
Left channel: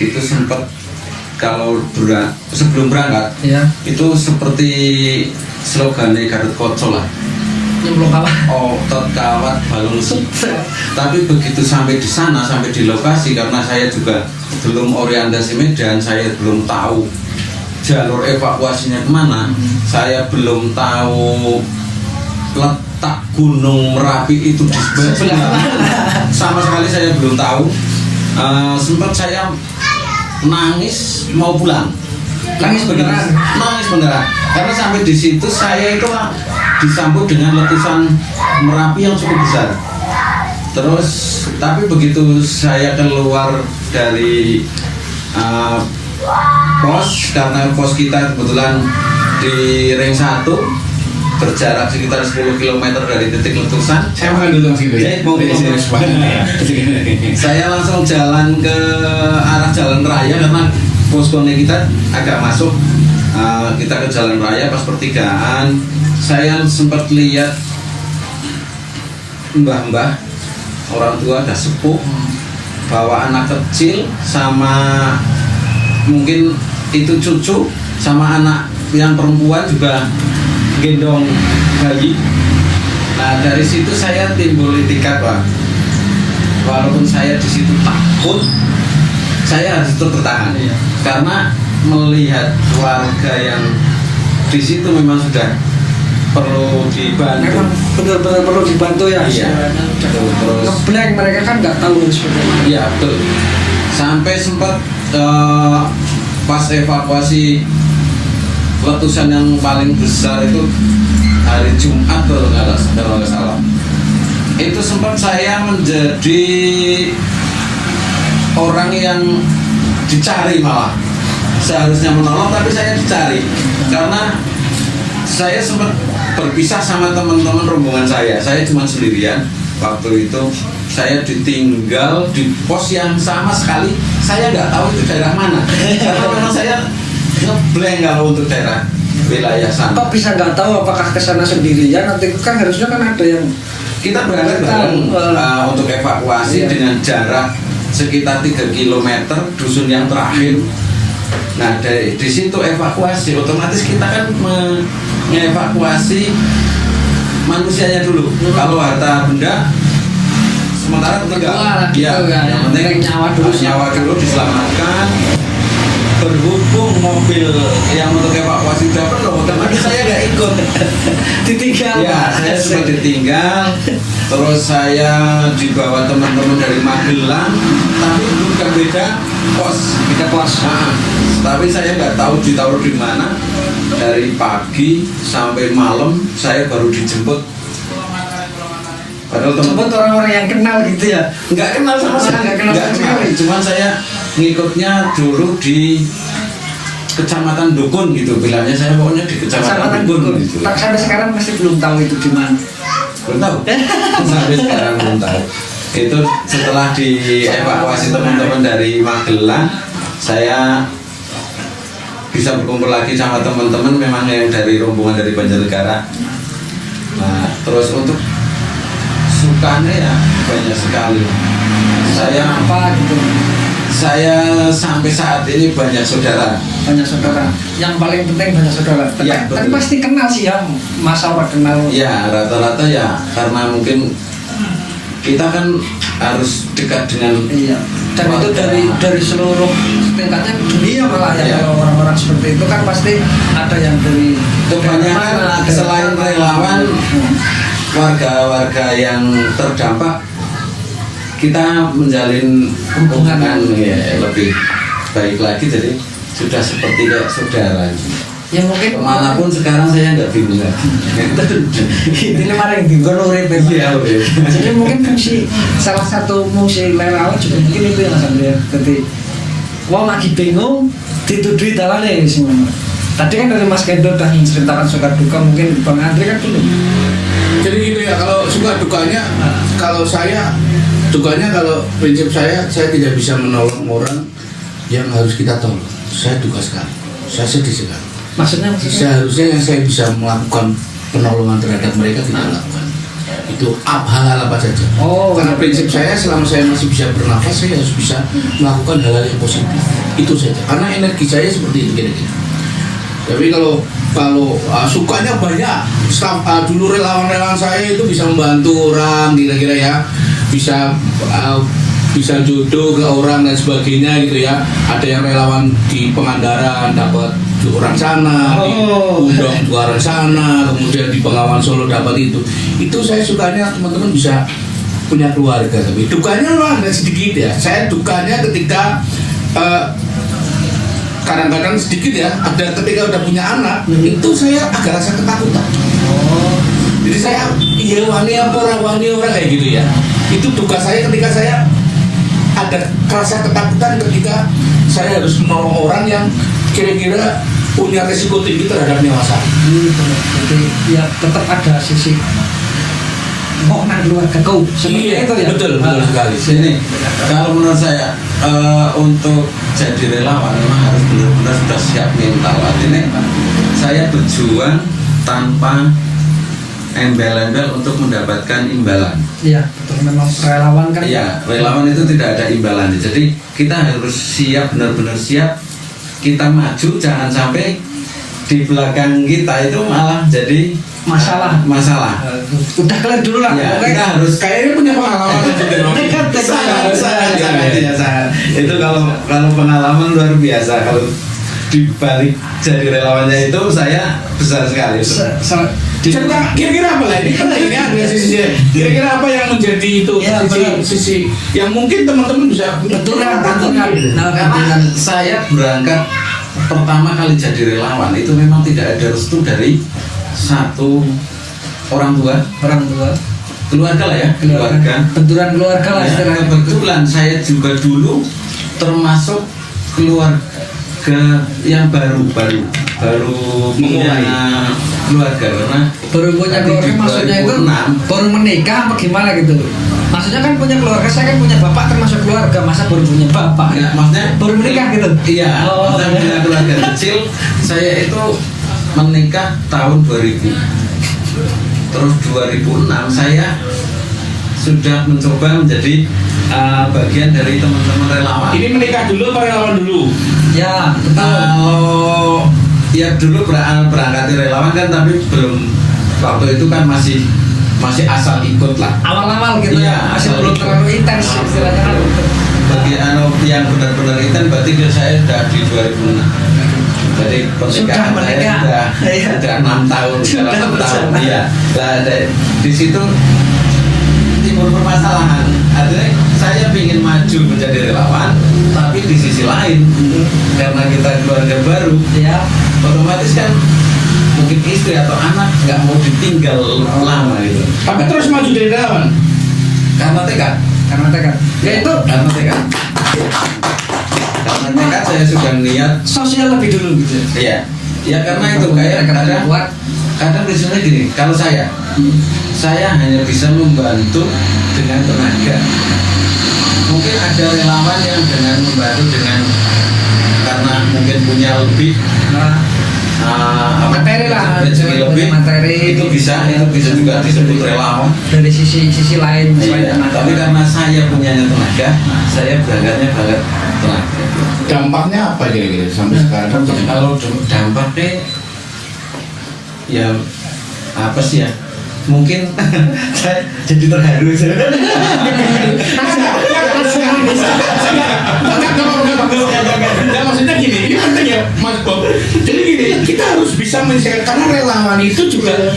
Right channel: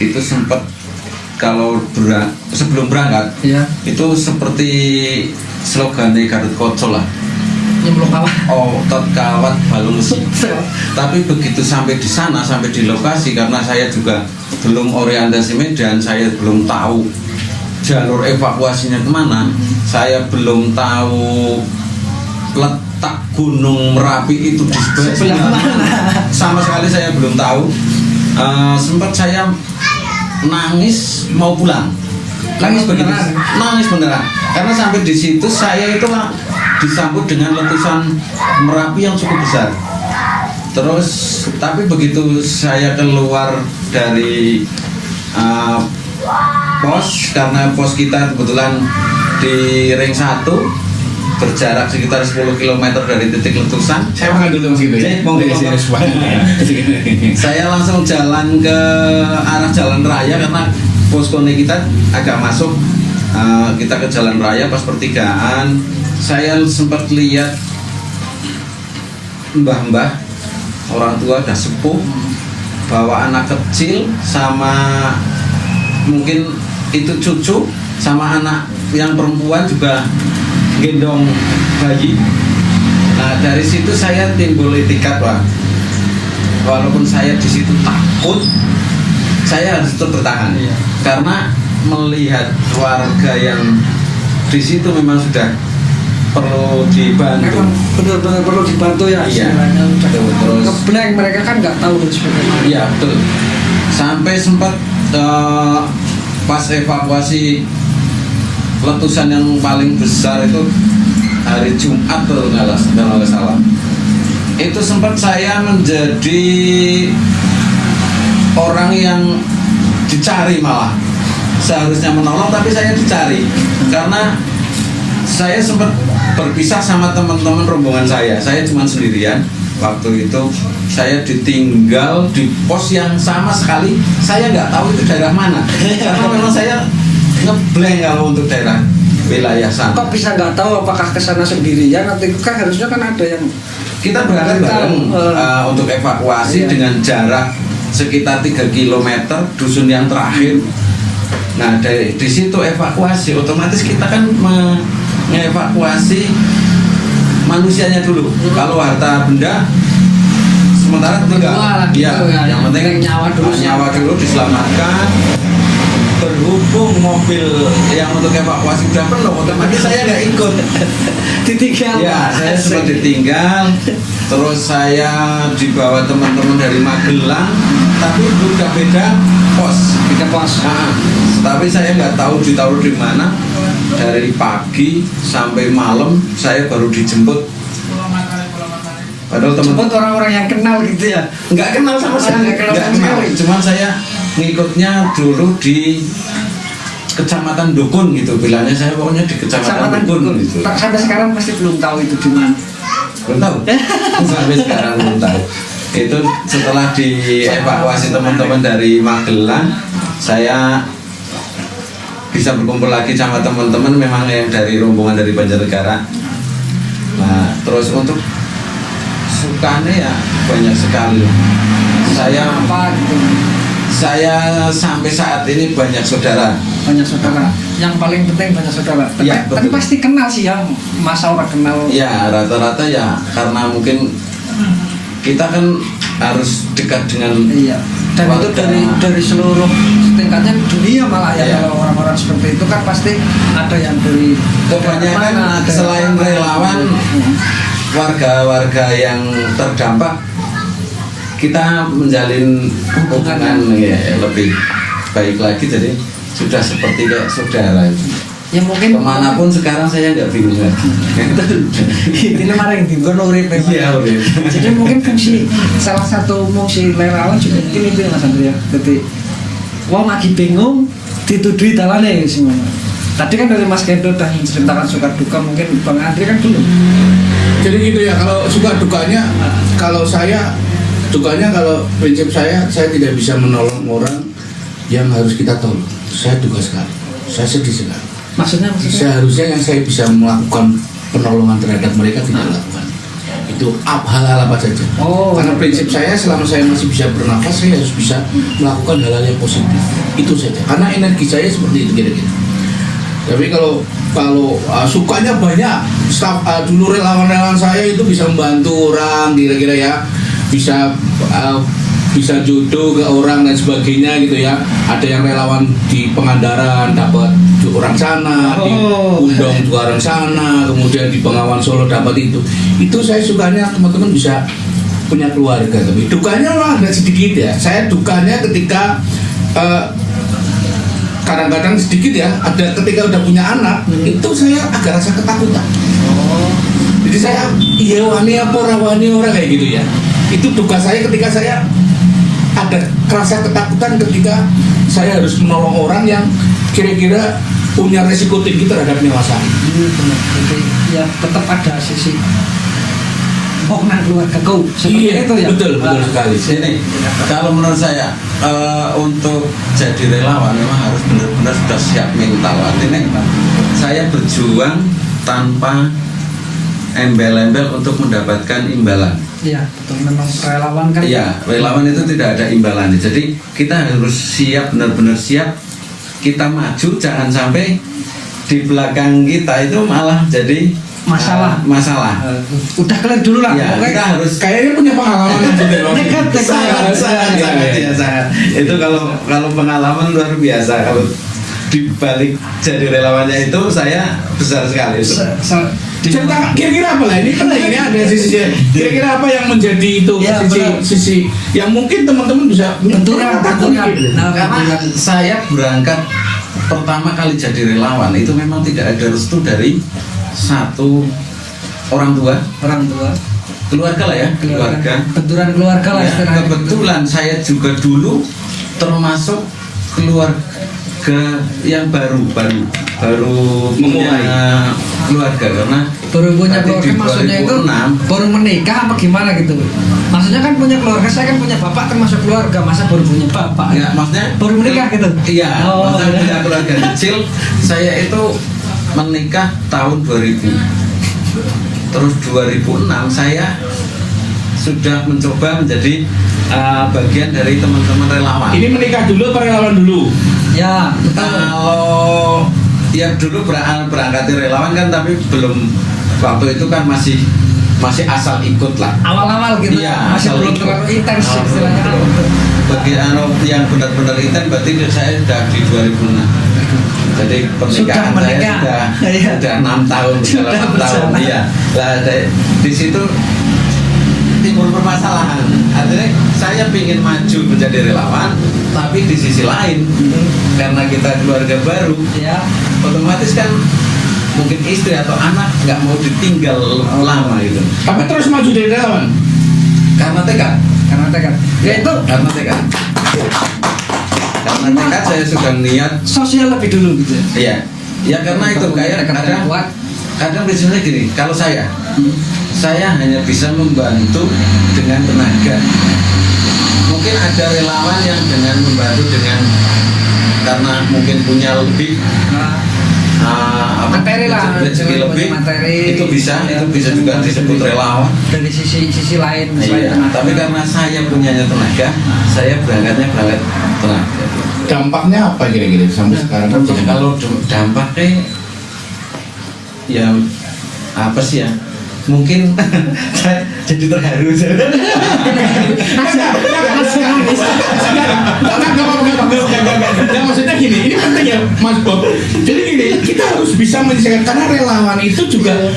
itu sempat kalau sebelum berangkat ya. Itu seperti slogannya Gatot Kaca lah. Nyemplung kawat. Otot kawat balung sip. Tapi begitu sampai di sana, sampai di lokasi, karena saya juga belum orientasi medan, saya belum tahu jalur evakuasinya kemana, saya belum tahu letak Gunung Merapi itu di sebelah mana. Sama sekali saya belum tahu. Sempat saya nangis mau pulang. Nangis beneran. Nangis beneran. Karena sampai di situ saya itu disambut dengan letusan Merapi yang cukup besar. Terus tapi begitu saya keluar dari pos, karena pos kita kebetulan di ring 1 berjarak sekitar 10 km dari titik letusan. Saya makan dulu Mas gitu ya. Saya langsung jalan ke arah jalan raya karena poskonya kita agak masuk. Kita ke jalan raya, pas pertigaan saya sempat lihat mbah-mbah, orang tua udah sepuh, bawa anak kecil sama mungkin itu cucu sama anak yang perempuan juga gendong bayi. Nah dari situ saya timbul itikat, Pak. Walaupun saya di situ takut, saya harus tetap bertahan. Iya. Karena melihat warga yang di situ memang sudah perlu dibantu. Memang benar-benar perlu dibantu ya. Iya. Terus Ngeblank, mereka kan nggak tahu harus bagaimana. iya betul. Sampai sempat pas evakuasi letusan yang paling besar itu hari Jumat kalau nggak salah. Itu sempat saya menjadi orang yang dicari, malah seharusnya menolong tapi saya dicari karena saya sempat berpisah sama teman-teman rombongan saya cuma sendirian waktu itu. Saya ditinggal di pos yang sama sekali saya nggak tahu itu daerah mana karena memang saya ngeblank kalau untuk daerah wilayah sana. Kok bisa nggak tahu apakah kesana sendirian? Nanti kan harusnya kan ada yang Kita berangkat bareng untuk evakuasi dengan jarak sekitar 3 km dusun yang terakhir. Nah di situ evakuasi otomatis kita kan mengevakuasi manusianya dulu. Kalau harta benda sementara enggak. Gitu, ya. Yang penting nyawa dulu diselamatkan. Berhubung mobil yang untuk evakuasi udah penuh, otomatis saya nggak ikut. ditinggal. Ya, saya sempat ditinggal. Terus saya dibawa teman-teman dari Magelang, tapi juga beda pos. Nah, tapi saya nggak tahu ditaruh di mana. Dari pagi sampai malam saya baru dijemput. Padahal teman-teman orang-orang yang kenal gitu ya. nggak kenal sama sekali. Nggak kenal. Cuman saya ngikutnya dulu di Kecamatan Dukun gitu, bilangnya saya pokoknya di Kecamatan Dukun gitu. Tak sampai sekarang masih belum tahu itu di mana. Belum tahu. Sampai sekarang belum tahu. Itu setelah dievakuasi teman-teman dari Magelang, saya bisa berkumpul lagi sama teman-teman memang yang dari rombongan dari Banjarnegara. Nah, terus untuk sukanya ya banyak sekali. Saya apa gitu? Saya sampai saat ini banyak saudara. Banyak saudara. Yang paling penting banyak saudara. Ya, Tapi betul. pasti kenal sih ya, masa orang kenal. Ya rata-rata ya karena mungkin kita kan harus dekat dengan Iya. Dan itu dari seluruh tingkatnya dunia malah ya. Iya. Kalau orang-orang seperti itu kan pasti ada yang dari kebanyakan mana, dari selain mana. relawan warga-warga yang terdampak kita menjalin hubungan ya lebih baik lagi, jadi sudah seperti kayak saudara. Ya mungkin Kemanapun sekarang saya nggak bingung lagi. ini marah yang bingung urip memang. Iya, urip. Jadi mungkin fungsi salah satu fungsi relawan juga mungkin itu ya Mas Andrea. Jadi wong lagi bingung ditudui dalane semua. Tadi kan dari Mas Kendo udah menceritakan suka duka, mungkin Bang Andre kan belum. Jadi gitu ya, kalau suka dukanya, kalau saya dukanya, kalau prinsip saya tidak bisa menolong orang yang harus kita tolong. Saya duka sekali, saya sedih sekali. Maksudnya Seharusnya yang saya bisa melakukan penolongan terhadap mereka tidak lakukan. Itu hal-hal apa saja. Karena prinsip saya selama saya masih bisa bernafas, saya harus bisa melakukan hal-hal yang positif. Itu saja. Karena energi saya seperti itu kira-kira. Tapi kalau sukanya banyak, dulu relawan-relawan saya itu bisa membantu orang kira-kira ya, bisa jodoh ke orang dan sebagainya gitu ya. Ada yang relawan di Pangandaran dapat orang sana, di Undang juga orang sana, kemudian di Bengawan Solo dapat itu. Itu saya sukanya teman-teman bisa punya keluarga. Tapi dukanya lah nggak sedikit ya. Saya dukanya ketika kadang-kadang sedikit ya, ada ketika udah punya anak, itu saya agak rasa ketakutan. Jadi saya, iya wani orang kayak gitu ya. Itu duka saya ketika saya ada rasa ketakutan ketika saya harus menolong orang yang kira-kira punya resiko tinggi terhadap nyawa saya. Jadi ya tetap ada sisi mau nak keluarga kau. Iya, itu ya. Betul sekali. Sini, kalau menurut saya untuk jadi relawan memang harus benar-benar sudah siap mental. Artinya saya berjuang tanpa embel-embel untuk mendapatkan imbalan. Iya, betul, memang relawan kan. Iya, relawan itu tidak ada imbalannya. Jadi kita harus siap, benar-benar siap. Kita maju, jangan sampai di belakang kita itu malah jadi masalah. Udah kalian dulu lah. Ya, kita harus kayaknya punya pengalaman sangat. Itu kalau pengalaman luar biasa. Kalau dibalik jadi relawannya itu saya besar sekali. Cerita kira-kira apa lah ini penting ini ada sisi kira-kira apa yang menjadi itu ya, sisi yang mungkin teman-teman bisa benturan. Karena saya berangkat pertama kali jadi relawan itu memang tidak ada restu dari satu orang tua keluarga lah ya, keluarga benturan keluarga lah istilahnya. Kebetulan saya juga dulu termasuk keluarga yang baru punya keluarga, karena baru punya keluarga maksudnya itu baru menikah apa gimana gitu. Maksudnya kan punya keluarga, saya kan punya bapak termasuk keluarga, masa baru punya bapak ya, maksudnya baru menikah gitu. Iya, maksudnya punya keluarga kecil. Saya itu menikah tahun 2000, terus 2006 saya sudah mencoba menjadi bagian dari teman-teman relawan. Ini menikah dulu apa relawan dulu? Ya, kalau ya dulu berangkat relawan kan, tapi belum, waktu itu kan masih asal ikut lah. Awal-awal gitu ya, masih belum terlalu intens istilahnya. Bagi yang benar-benar intens berarti saya sudah di 2006. Jadi pernikahan saya sudah 6 tahun, sekarang 6 tahun. Iya. Nah, di situ timbul permasalahan. Artinya saya ingin maju menjadi relawan, tapi di sisi lain karena kita keluarga baru, ya otomatis kan mungkin istri atau anak nggak mau ditinggal lama gitu. Tapi terus maju jadi relawan karena tekad. Ya itu karena tekad saya sudah niat sosial lebih dulu gitu. Iya. Ya karena itu kayak kadang misalnya gini, kalau saya hanya bisa membantu dengan tenaga. Mungkin ada relawan yang dengan membantu karena mungkin punya lebih materi lah, rezeki lebih, materi itu bisa juga disebut relawan dari sisi lain. Iya, tapi karena saya punya tenaga, saya berangkatnya tenaga. Dampaknya apa kira-kira sampai sekarang? Kalau dampaknya ya apa sih ya? Mungkin saya jadi terharu. Ya maksudnya gini, ini penting ya Mas Bob. Jadi gini, kita harus bisa menyelesaikan, karena relawan itu juga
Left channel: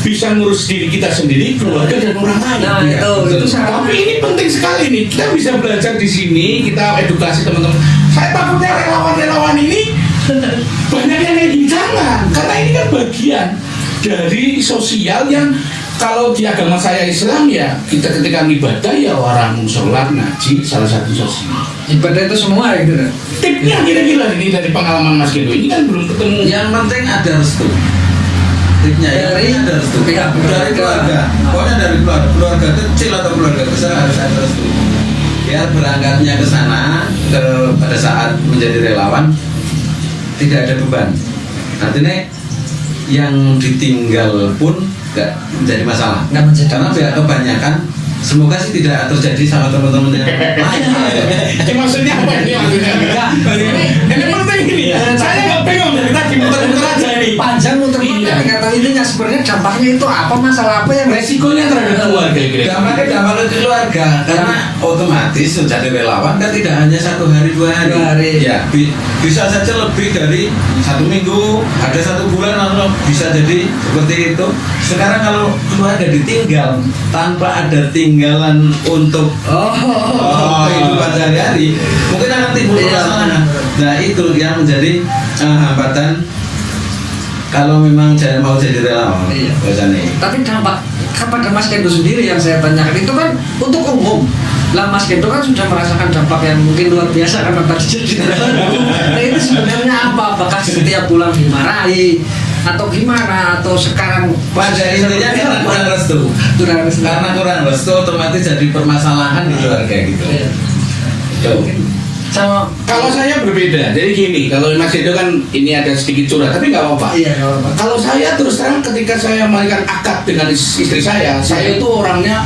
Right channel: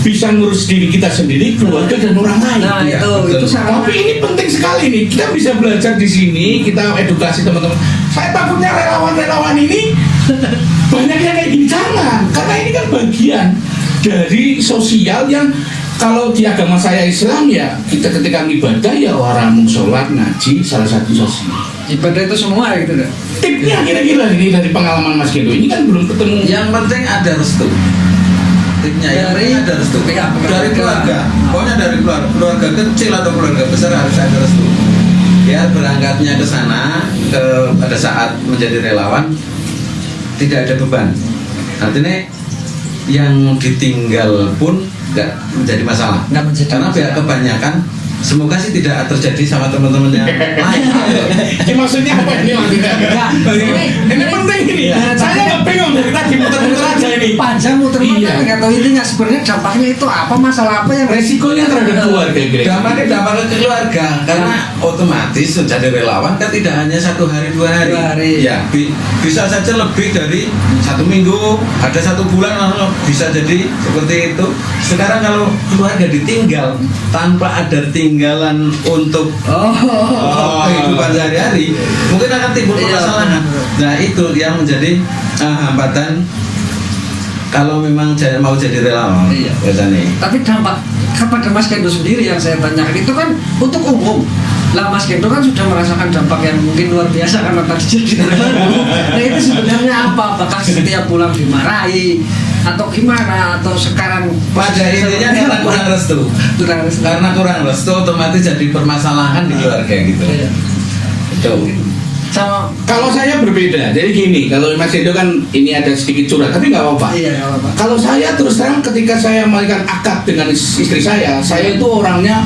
bisa ngurus diri kita sendiri, keluarga dan orang lain. Nah, itu tapi ini penting sekali nih. Kita bisa belajar di sini, kita edukasi teman-teman. Saya takutnya relawan-relawan ini banyak yang kayak gini, jangan. Karena ini kan bagian dari sosial yang kalau di agama saya Islam ya, kita ketika ibadah ya orang sholat, ngaji, salah satu sosial. Ibadah itu semua gitu kan. Tipnya kira-kira ini dari pengalaman Mas Gendo, ini kan belum ketemu. Yang penting ada restu. Tipnya ada restu. Dari keluarga. Pokoknya dari keluarga kecil atau keluarga besar harus ada restu. Biar berangkatnya ke sana pada saat menjadi relawan tidak ada beban. Artinya yang ditinggal pun nggak menjadi masalah. Nggak menjadi Karena masalah. kebanyakan semoga sih tidak terjadi sama teman-temannya lain. Maksudnya apa ini maksudnya? Enggak. Ini penting ini. Saya nggak bingung dari tadi muter-muter aja ini. Panjang muter-muter Iya. nggak tahu intinya sebenarnya dampaknya itu apa, masalah apa yang Resikonya terhadap keluarga kira-kira. Dampaknya dampak ke keluarga karena otomatis menjadi relawan kan tidak hanya 1 hari 2 hari. 2 hari. Ya bisa saja lebih dari 1 minggu, ada 1 bulan lalu bisa jadi seperti itu. Sekarang kalau keluarga ditinggal tanpa ada tinggalan untuk kehidupan sehari-hari, mungkin akan timbul Iya, permasalahan. Nah itu yang menjadi hambatan kalau memang mau jadi relawan. Iya. Biasanya. Tapi dampak kepada Mas Kendo sendiri yang saya tanyakan itu kan untuk umum. Lah Mas Kendo kan sudah merasakan dampak yang mungkin luar biasa karena tadi jadi relawan. Nah itu sebenarnya apa? Apakah setiap bulan dimarahi atau gimana, atau sekarang Pada intinya karena kurang restu. Karena kurang restu otomatis jadi permasalahan di keluarga gitu. Iya. Itu. Sama Kalau saya berbeda, jadi gini, kalau Mas Edo kan ini ada sedikit curhat, tapi nggak apa-apa. Iya, nggak apa-apa. Kalau saya terus terang ketika saya melakukan akad dengan istri saya itu orangnya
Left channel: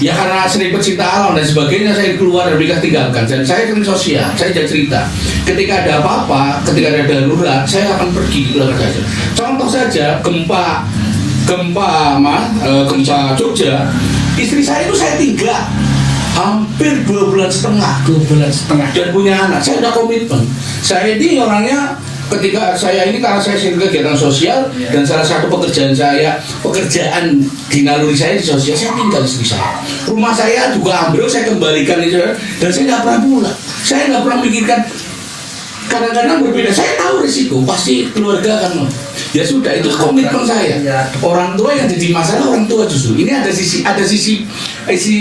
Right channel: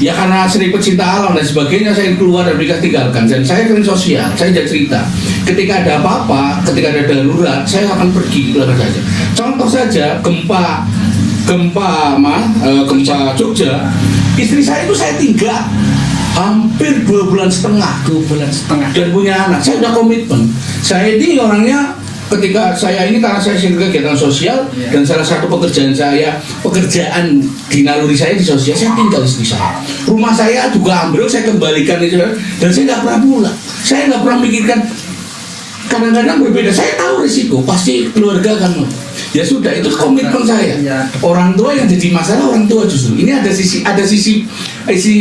ya karena sering pecinta alam dan sebagainya, saya keluar dari nikah tinggalkan. Dan saya kan sosial, saya jadi cerita. Ketika ada apa-apa, ketika ada darurat, saya akan pergi keluar saja. Contoh saja gempa Jogja, istri saya itu saya tinggal hampir 2,5 bulan. 2,5 bulan. Dan punya anak, saya udah komitmen. Saya ini orangnya ketika saya ini karena saya sering kegiatan sosial dan salah satu pekerjaan di naluri saya di sosial, saya tinggal di istri saya. Rumah saya juga ambruk, saya kembalikan itu dan saya nggak pernah pulang. Saya nggak pernah mikirkan. Kadang-kadang berbeda, saya tahu risiko, pasti keluarga akan ya sudah, itu komitmen saya. Orang tua yang jadi masalah orang tua justru. Ini ada sisi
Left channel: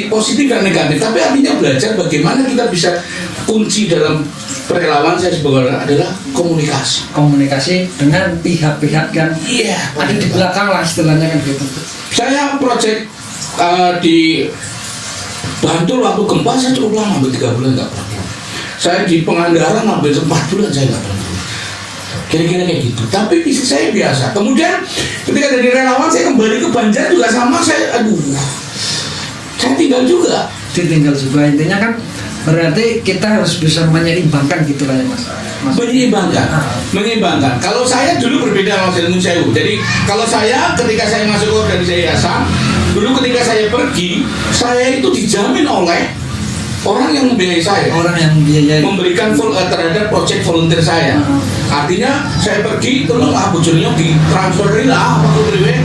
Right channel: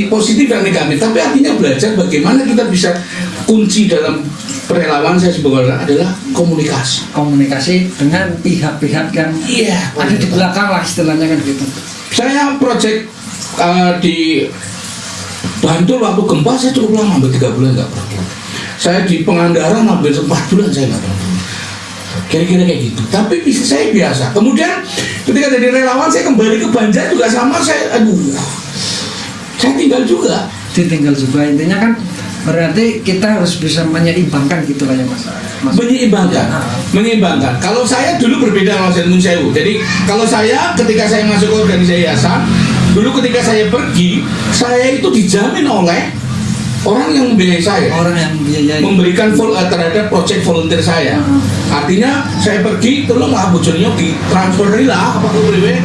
positif dan negatif, tapi artinya belajar bagaimana kita bisa kunci dalam perelawan saya sebagai orang adalah Komunikasi dengan pihak-pihak yang ada di belakang lah istilahnya kan gitu. Saya project di Bantul waktu gempa saya cukup lama, hampir 3 bulan nggak pernah. Saya di Pangandaran hampir 4 bulan saya nggak pernah. Kira-kira kayak gitu. Tapi saya biasa. Kemudian ketika jadi relawan saya kembali ke Banjar juga sama, saya tinggal juga. Ditinggal juga, intinya kan berarti kita harus bisa menyeimbangkan gitu lah ya Mas. Menyeimbangkan. Kalau saya dulu berbeda sama Mas Sewu. Jadi kalau saya ketika saya masuk ke organisasi yayasan, dulu ketika saya pergi, saya itu dijamin oleh orang yang membiayai saya, memberikan terhadap proyek volunteer saya. Artinya saya pergi, tolonglah bojone ditransferi lah apa boleh.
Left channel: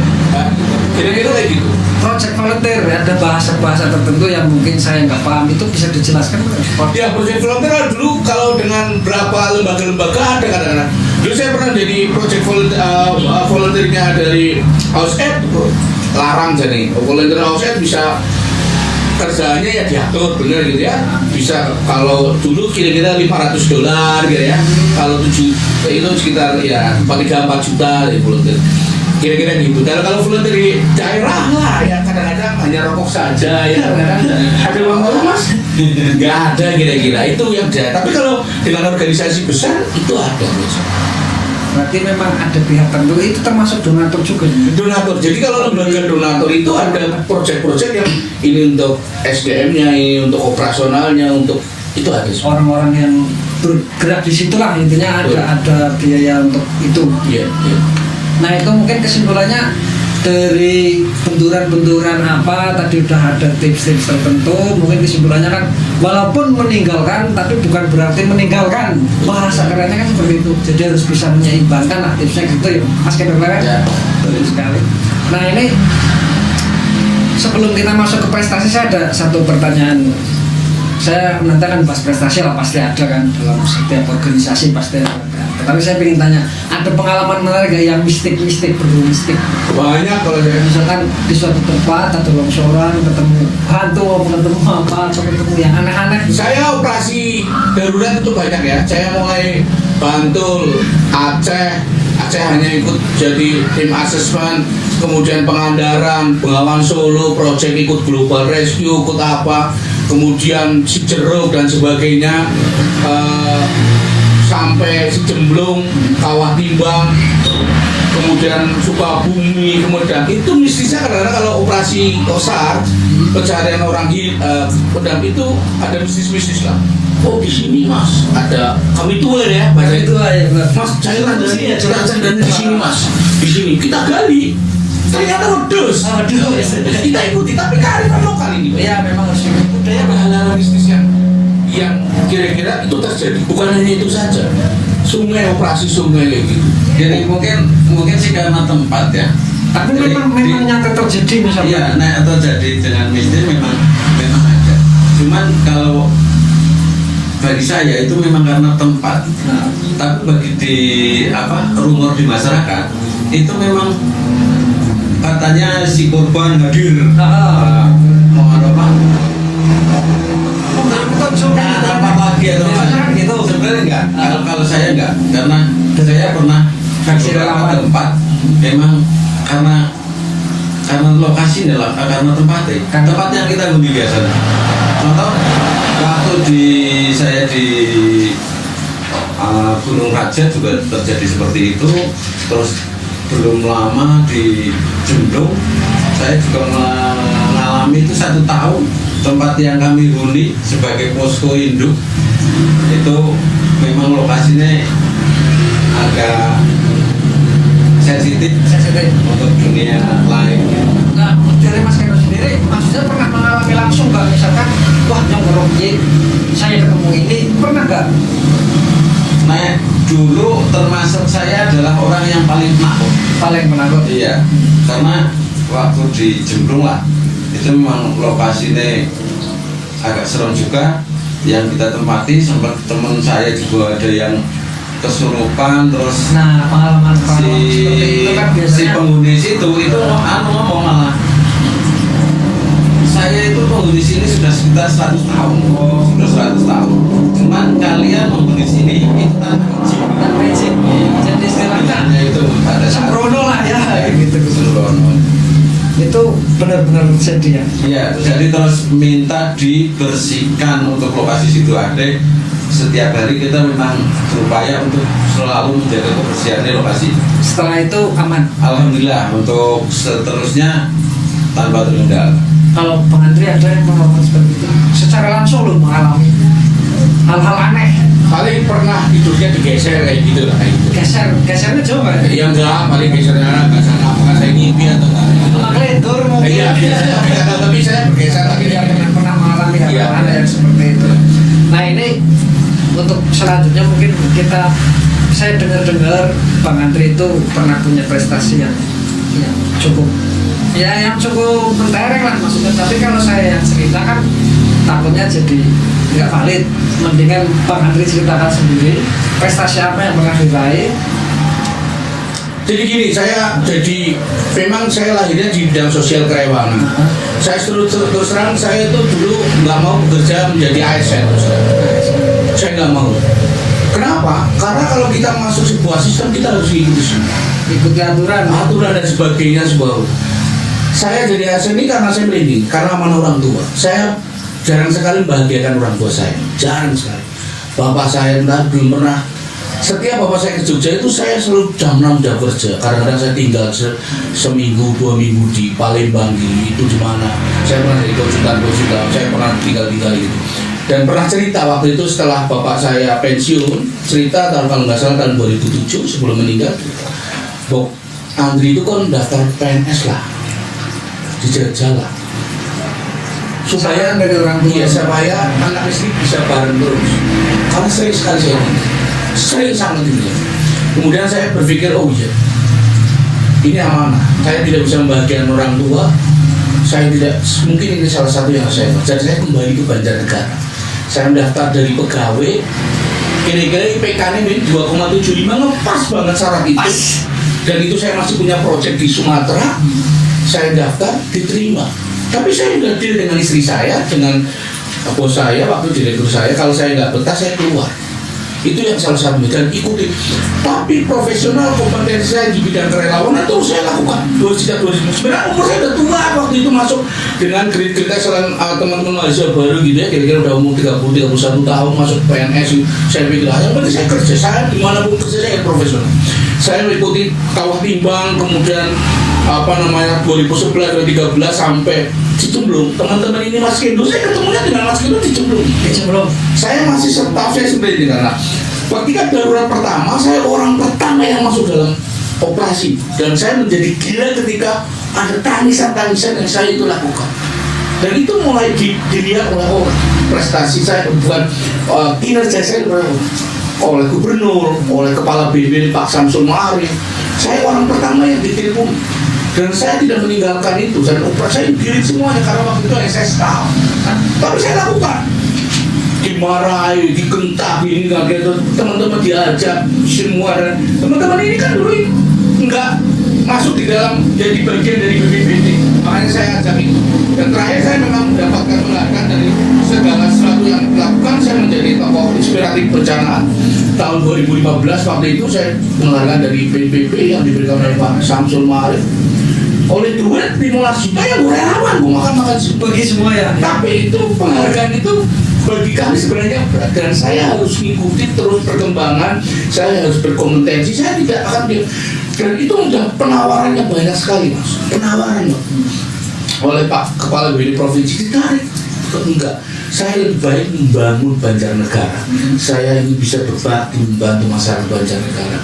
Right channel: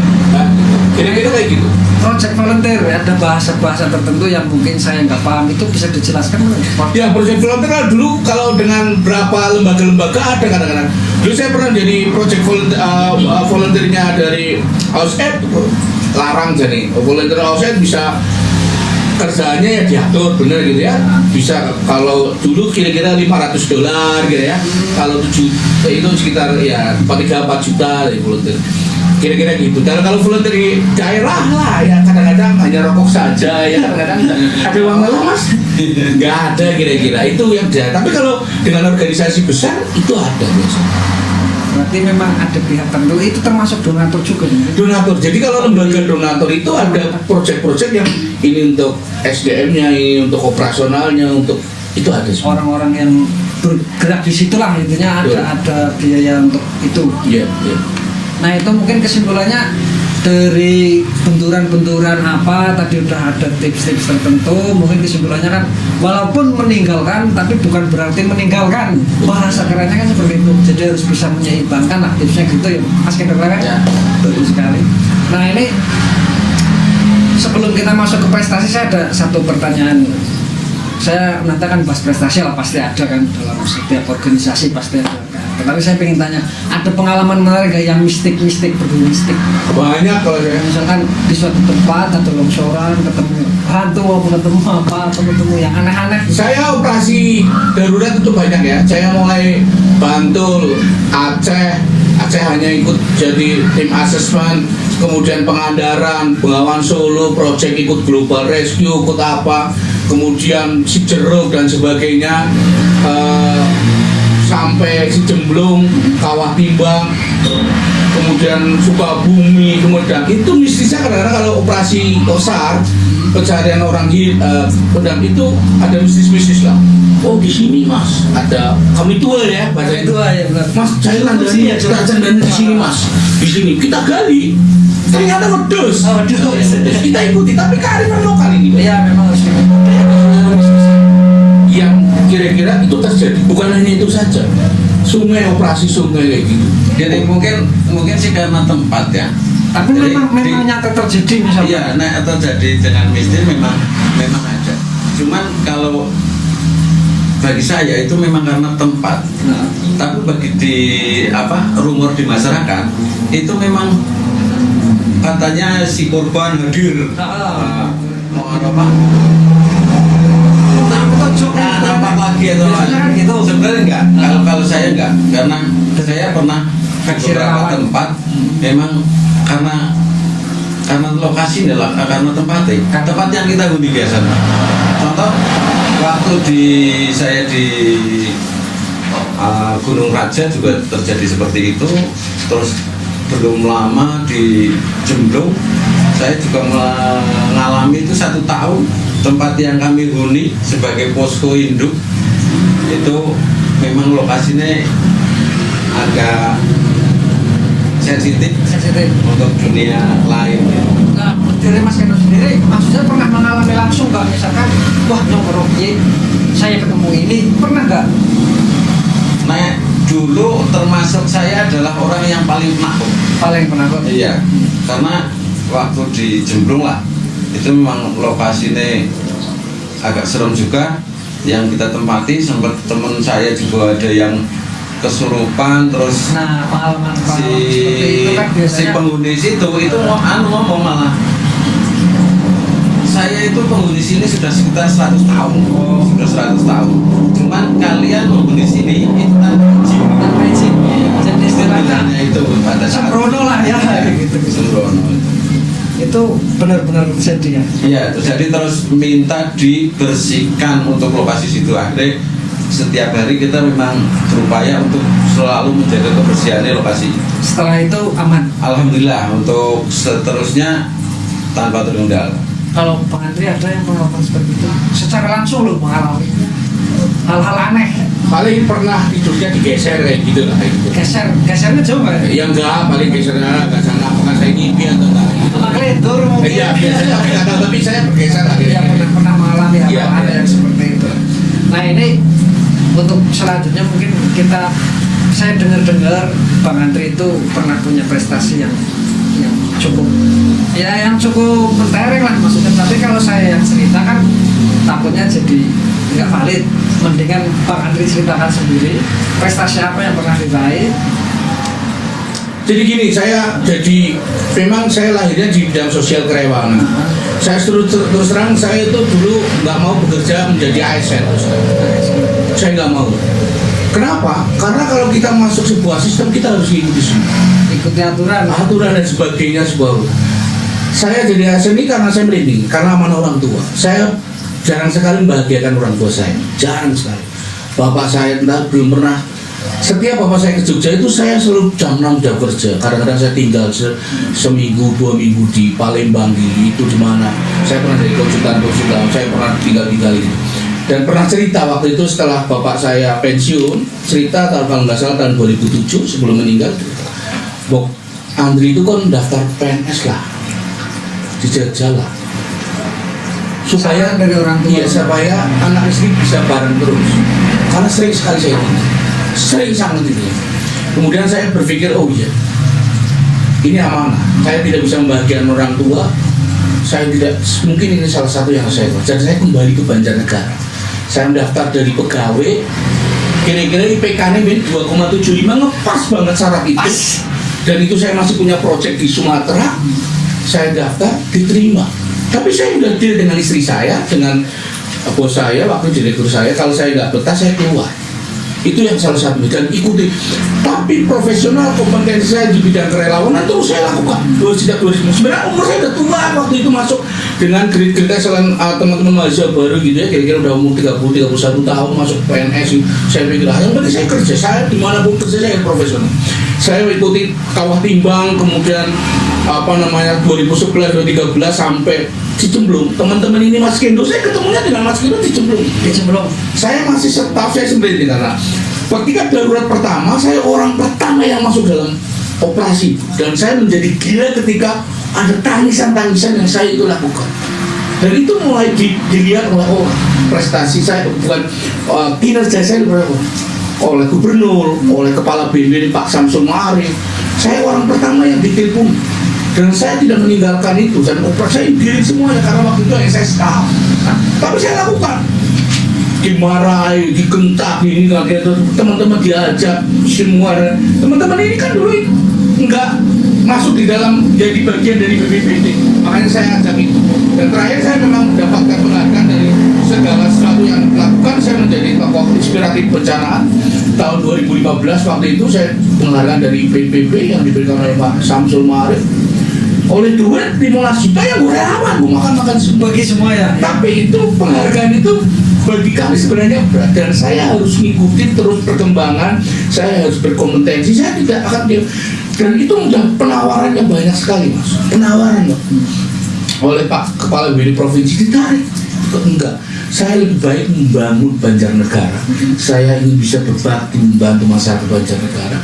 Kira-kira kayak gitu. Proyek volunteer ya, ada bahasa-bahasa tertentu yang mungkin saya nggak paham, itu bisa dijelaskan? Ya, proyek volunteer dulu kalau dengan berapa lembaga-lembaga ada kadang-kadang. Dulu saya pernah jadi proyek volunteernya dari AUSED, larang jadi volunteer AUSED bisa kerjanya ya diatur bener gitu ya, bisa kalau dulu kira-kira $500 gitu ya, kalau 7 itu sekitar ya 3-4 juta ya volunteer kira-kira gitu. Dan kalau volunteer di daerah lah ya kadang-kadang hanya rokok saja ya, kadang-kadang ada uang baru Mas nggak ada kira-kira itu yang ada. Tapi kalau dengan organisasi besar itu ada biasanya. Berarti memang ada pihak tertentu, itu termasuk donatur juga. Donatur. Jadi kalau lembaga donatur itu ada proyek-proyek yang ini untuk SDM-nya, ini untuk operasionalnya, untuk itu ada semua. Orang-orang yang bergerak di situlah intinya ada biaya untuk itu. Iya. Nah itu mungkin kesimpulannya dari benturan-benturan apa tadi udah ada tips-tips tertentu, mungkin kesimpulannya kan walaupun meninggalkan tapi bukan berarti meninggalkan, bahasa kerennya kan seperti itu. Jadi harus bisa menyeimbangkan lah tipsnya gitu ya Mas Kendor kan? Ya. Betul sekali. Nah ini sebelum kita masuk ke prestasi, saya ada satu pertanyaan. Saya nanti akan bahas prestasi lah, pasti ada kan dalam setiap organisasi pasti ada. Tapi saya pengen tanya, ada pengalaman menarik gak yang mistik-mistik, berbau mistik? Banyak kalau ya. Misalkan di suatu tempat atau longsoran ketemu hantu, ketemu apa, atau ketemu yang aneh-aneh. Saya operasi darurat itu banyak ya. Saya mulai Bantul, Aceh hanya ikut jadi tim asesmen, kemudian Pangandaran, Bengawan Solo, project ikut Global Rescue, ikut apa, kemudian Cijeruk dan sebagainya, sampai Cijemblung, Kawah Timbang, kemudian kemudian Sukabumi, kemudian itu mistisnya kadang-kadang kalau operasi Kosar pencarian orang di pedang itu ada mistis-mistis lah. Oh di sini mas ada kami tua ya baca itu ya benar. mas cairan dari kerajaan dan di sini mas di sini kita gali ternyata wedus. Kita ikuti tapi kearifan lokal ini. Iya memang harus diikuti. Ada hal-hal mistisnya yang kira-kira itu terjadi bukan hanya itu saja. Sungai operasi sungai kayak gitu. Jadi mungkin sih karena tempat ya. Tapi Jadi, memang nyata terjadi misalnya. Iya, nah atau jadi dengan mistis memang ada. Cuman kalau bagi saya itu memang karena tempat. Nah. Tapi bagi rumor di masyarakat itu memang katanya si korban hadir. Mau apa? Apa lagi atau itu sebenarnya enggak. Kalau saya enggak, karena saya pernah ke beberapa tempat memang karena lokasi adalah karena tempat yang kita huni biasa. Contoh waktu saya di Gunung Raja juga terjadi seperti itu. Terus belum lama di Jemblung saya juga mengalami itu 1 tahun. Tempat yang kami huni sebagai posko induk itu memang lokasinya agak sensitif untuk dunia lain. Nah, dari Mas Keno sendiri, maksudnya pernah mengalami langsung nggak? Misalkan, wah nyongkrong saya ketemu ini, pernah nggak? Nah, dulu termasuk saya adalah orang yang paling penakut. Paling penakut? Iya, karena waktu di Jemblung lah, itu memang lokasinya agak serem juga. Yang kita tempati, sempat teman saya juga ada yang kesurupan, terus nah pengalaman seperti itu kan biasanya si penghuni situ itu ngomong malah saya itu penghuni sini sudah sekitar 100 tahun. Sudah 100 tahun, cuman kalian menghuni sini itu tanpa izin. Jadi istilahnya itu pada saat sembrono lah ya gitu. sembrono. Itu benar-benar sedih ya. Iya, jadi terus minta dibersihkan untuk lokasi situ ada. Setiap hari kita memang berupaya untuk selalu menjaga kebersihan lokasi. Setelah itu aman. Alhamdulillah untuk seterusnya tanpa terkendala. Kalau Bang Andri ada yang mengalami seperti itu, secara langsung lo mengalami hal-hal aneh. Paling pernah hidupnya digeser kayak gitu lah. Gesernya jauh nggak? Ya enggak, paling gesernya agak sana. Apakah saya ngimpi atau enggak? Ngelendur mungkin. Iya, biasanya tapi saya bergeser lah. Iya pernah mengalami hal-hal aneh yang seperti itu. Nah ini untuk selanjutnya mungkin saya dengar Bang Andri itu pernah punya prestasi yang cukup mentereng lah maksudnya. Tapi kalau saya yang cerita kan takutnya jadi nggak valid. Mendingan Bang Andri ceritakan sendiri prestasi apa yang pernah diraih. Jadi gini, memang saya lahirnya di bidang sosial kerewanan. Saya terus terang saya itu dulu nggak mau bekerja menjadi ASN. Saya nggak mau. Kenapa? Karena kalau kita masuk sebuah sistem kita harus ikuti aturan dan sebagainya sebuah. Saya jadi ASN ini karena saya merinding, karena amanah orang tua. Saya jarang sekali membahagiakan orang tua saya, jarang sekali. Bapak saya belum pernah. Setiap bapak saya ke Jogja itu saya selalu jam 6 udah kerja. Kadang-kadang saya tinggal seminggu 2 minggu di Palembang itu di mana. Saya pernah jadi konsultan, saya pernah tinggal gitu. Dan pernah cerita waktu itu setelah bapak saya pensiun, cerita kalau nggak salah tahun 2007 sebelum meninggal, Bok Andri itu kan daftar PNS lah, dijajal lah, supaya dari orang tua, supaya anak istri bisa bareng terus. Karena sering sekali sering sangat itu. Kemudian saya berpikir, oh iya, ini amanah. Saya tidak bisa membahagiakan orang tua. Saya tidak mungkin ini salah satu yang saya. Jadi saya kembali ke Banjarnegara. Saya mendaftar dari pegawai. Kira-kira IPK-nya 2,75 ngepas banget syarat itu. Dan itu saya masih punya proyek di Sumatera. Saya daftar, diterima. Tapi saya sudah deal dengan istri saya, dengan bos saya, waktu direktur saya. Kalau saya nggak betah, saya keluar. Itu yang salah satu dan ikuti. Tapi profesional kompetensi saya di bidang kerelawanan itu saya lakukan. Sejak 2009 umur saya udah tua waktu itu masuk dengan kredit selain teman-teman mahasiswa baru gitu ya, kira-kira udah umur 30-31 tahun masuk PNS. Saya pikir yang penting saya kerja, saya dimanapun kerja saya profesional. Saya mengikuti kawah timbang, kemudian 2011, 2013 sampai Cicemplung. Teman-teman ini Mas Kendo, saya ketemunya dengan Mas Kendo di Cicemplung. Saya masih staff saya sendiri karena ketika darurat pertama, saya orang pertama yang masuk dalam operasi, dan saya menjadi gila ketika ada tangisan-tangisan yang saya itu lakukan. Dan itu mulai dilihat oleh prestasi saya, bukan kinerja saya oleh gubernur, oleh kepala BNPB Pak Samsul Ma'arif. Saya orang pertama yang ditelepon, dan saya tidak meninggalkan itu, dan operasi saya diri semuanya karena waktu itu saya staff. Tapi saya lakukan, dimarahi, dikentak, ini teman-teman diajak semua, dan teman-teman ini kan dulu enggak masuk di dalam jadi bagian dari BPBD, makanya saya ajak itu. Dan terakhir saya memang mendapatkan penghargaan dari segala sesuatu yang dilakukan. Saya menjadi tokoh inspiratif bencana tahun 2015. Waktu itu saya penghargaan dari BPBD yang diberikan oleh Pak Samsul Ma'arif. Oleh duit 15 juta yang gue relawan, gue makan bagi semua ya. Tapi itu penghargaan itu bagi kami sebenarnya berat, dan saya harus mengikuti terus perkembangan, saya harus berkompetensi, saya tidak akan dan itu udah penawaran yang banyak sekali, Mas. Penawaran loh. Oleh Pak Kepala BPD Provinsi ditarik. Enggak, saya lebih baik membangun Banjarnegara. Saya ingin bisa berbakti membantu masyarakat Banjarnegara.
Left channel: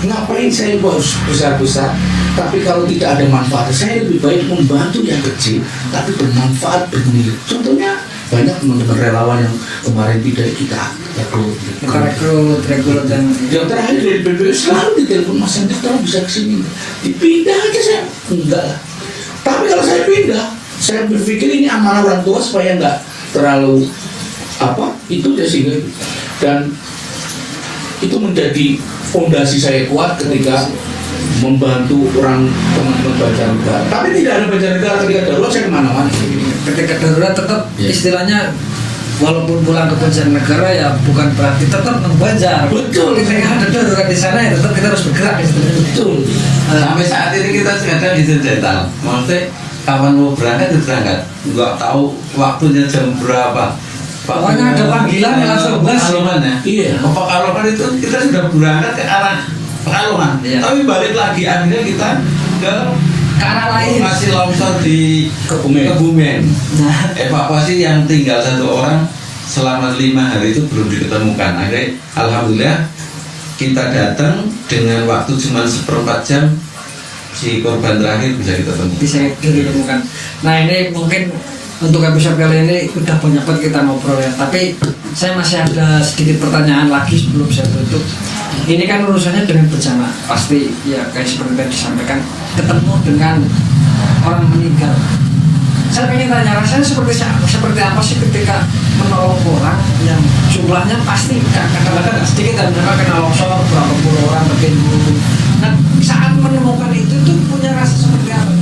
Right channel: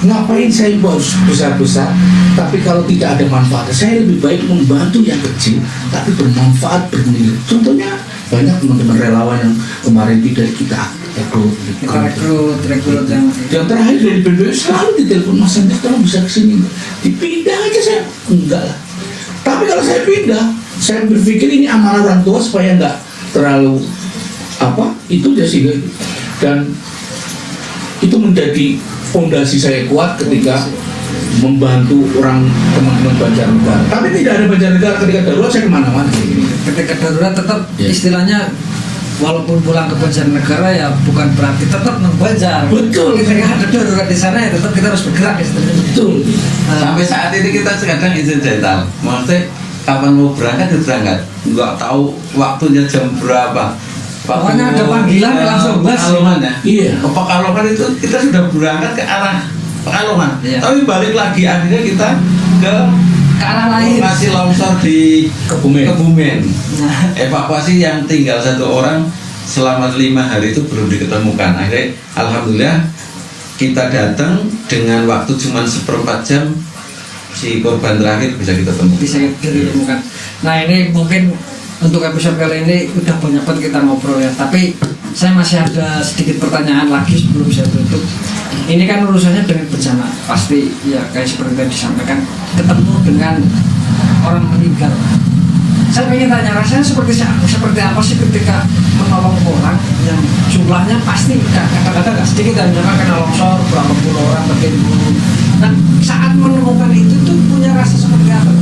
Ngapain saya harus besar-besar, tapi kalau tidak ada manfaat, saya lebih baik membantu yang kecil tapi bermanfaat, bernilai. Contohnya banyak teman-teman relawan yang kemarin tidak kita rekrut yang terakhir dari BPBD selalu ditelepon, Mas Hendrik tolong bisa kesini, dipindah aja. Saya enggak lah. Tapi kalau saya pindah, saya berpikir ini amanah orang tua supaya enggak terlalu itu dia sehingga, dan itu menjadi fondasi saya kuat ketika membantu orang teman-teman Banjarnegara. Tapi tidak ada Banjarnegara ketika darurat, saya kemana-mana. Ketika darurat tetap istilahnya, walaupun pulang ke Banjarnegara ya bukan berarti tetap membanjar. Betul. Ketika ada darurat di sana ya tetap kita harus bergerak. Betul. Sampai saat ini kita kadang izin jetal. Maksudnya kapan mau berangkat ya berangkat. Nggak tahu waktunya jam berapa. Pokoknya ada panggilan langsung bas. Pekalongan ya. Iya. Pekalongan itu kita sudah berangkat ke arah Pekalongan. Iya. Tapi balik lagi akhirnya kita ke arah lain. Lokasi longsor di Kebumen. Nah. Evakuasi yang tinggal 1 orang selama 5 hari itu belum diketemukan. Akhirnya alhamdulillah kita datang dengan waktu cuma 1/4 jam, si korban terakhir bisa kita temukan. Bisa ditemukan. Nah ini mungkin untuk episode kali ini udah banyak banget kita ngobrol ya. Tapi saya masih ada sedikit pertanyaan lagi sebelum saya tutup. Ini kan urusannya dengan bencana, pasti ya kayak seperti yang disampaikan, ketemu dengan orang meninggal. Saya pengen tanya, rasanya seperti apa sih ketika menolong orang yang jumlahnya pasti kadang-kadang nggak sedikit, dan mereka kena longsor berapa puluh orang tertimbun. Dan saat menemukan itu tuh punya rasa seperti apa?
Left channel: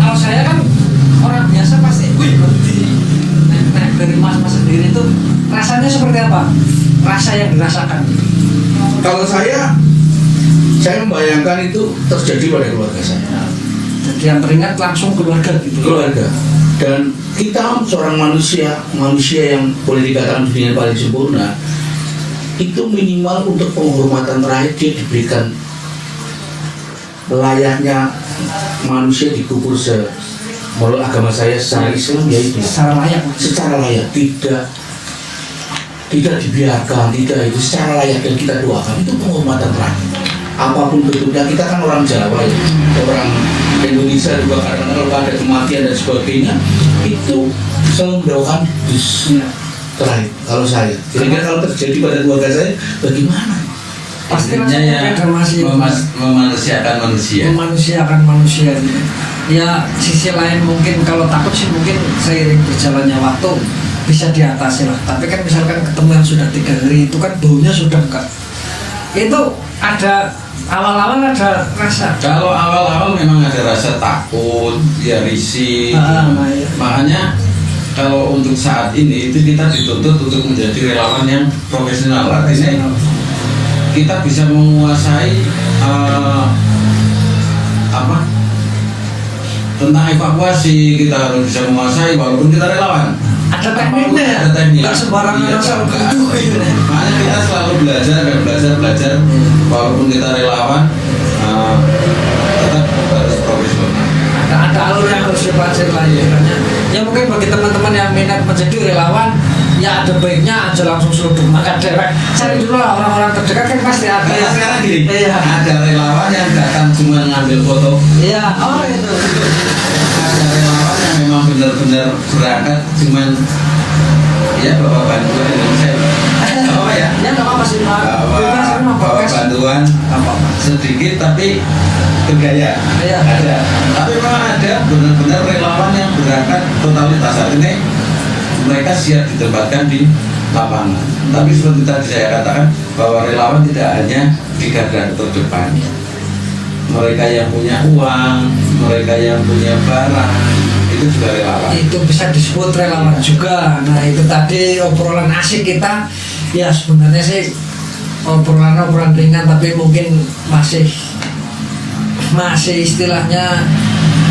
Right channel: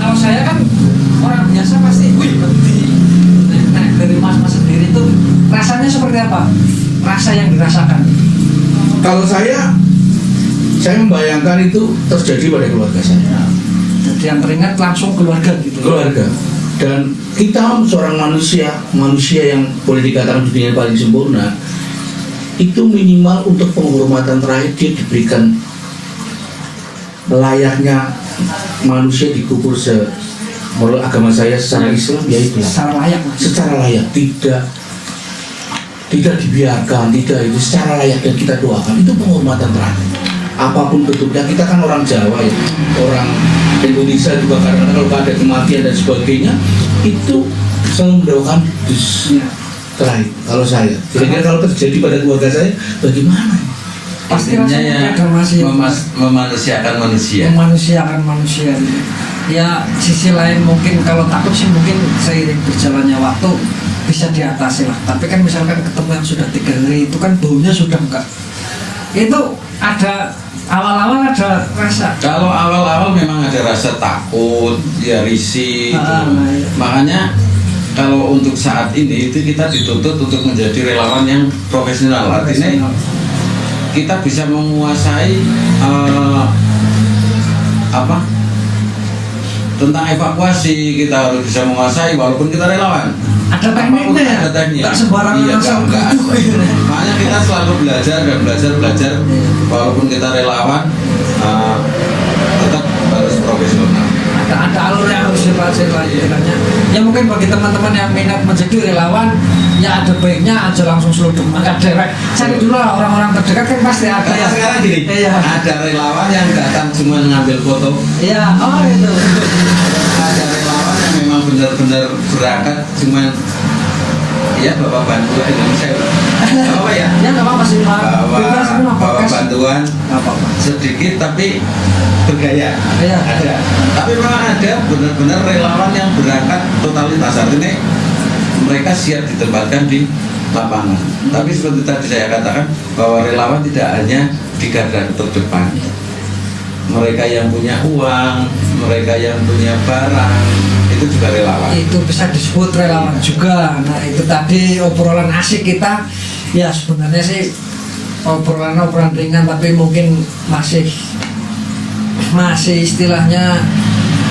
Kalau saya kan orang biasa pasti, wih berhenti. Nah dari mas sendiri itu rasanya seperti apa? Rasa yang dirasakan? Kalau saya membayangkan itu terjadi pada keluarga saya. Jadi yang teringat langsung keluarga gitu. Keluarga. Dan kita seorang manusia yang boleh dikatakan dunia paling sempurna, itu minimal untuk penghormatan terakhir dia diberikan layaknya manusia dikubur menurut agama saya secara Islam, yaitu secara layak, tidak dibiarkan, tidak itu secara layak, dan kita doakan itu penghormatan terakhir. Apapun bentuknya, kita kan orang Jawa ya, orang Indonesia juga kadang-kadang kalau ada kematian dan sebagainya itu bisa mendoakan terakhir. Kalau saya, kira-kira kalau terjadi pada keluarga saya, bagaimana? Pastinya ya memanusiakan manusia. Ya sisi lain mungkin kalau takut sih mungkin seiring berjalannya waktu bisa diatasi lah. Tapi kan misalkan ketemu yang sudah 3 hari itu kan baunya sudah enggak. Itu ada awal-awal ada rasa. Kalau awal-awal memang ada rasa takut, ya risih. Iya. Makanya kalau untuk saat ini itu kita dituntut untuk menjadi relawan yang profesional. Artinya kita bisa menguasai tentang evakuasi, kita harus bisa menguasai walaupun kita relawan. Ada tekniknya ya? Ada teknik. Tak sembarangan Iya, asal enggak. gitu. Makanya kita selalu belajar dan belajar. Walaupun kita relawan, tetap harus profesional. Ada alur yang harus dipelajari lagi katanya. Ya mungkin bagi teman-teman yang minat menjadi relawan, ya ada baiknya aja langsung seluduk maka direct. Cari dulu lah orang-orang terdekat kan pasti ada. Kayak sekarang gini, Iya. ada relawan yang datang cuma ngambil foto. Iya, oh itu. Ada relawan yang memang benar-benar berangkat cuman ya bawa bantuan dengan saya. Apa ya? Ya nggak apa-apa sih Pak. Bebas ini mah Bawa podcast. bantuan Apa-apa. sedikit tapi bergaya. Iya. Ada. Tapi memang ada benar-benar relawan yang berangkat totalitas. Artinya mereka siap ditempatkan di lapangan. Tapi seperti tadi saya katakan bahwa relawan tidak hanya di garda terdepan. Mereka yang punya uang, mereka yang punya barang, itu juga relawan. Itu bisa disebut relawan juga. Nah itu tadi obrolan asik kita. Ya sebenarnya sih obrolan ringan tapi mungkin masih istilahnya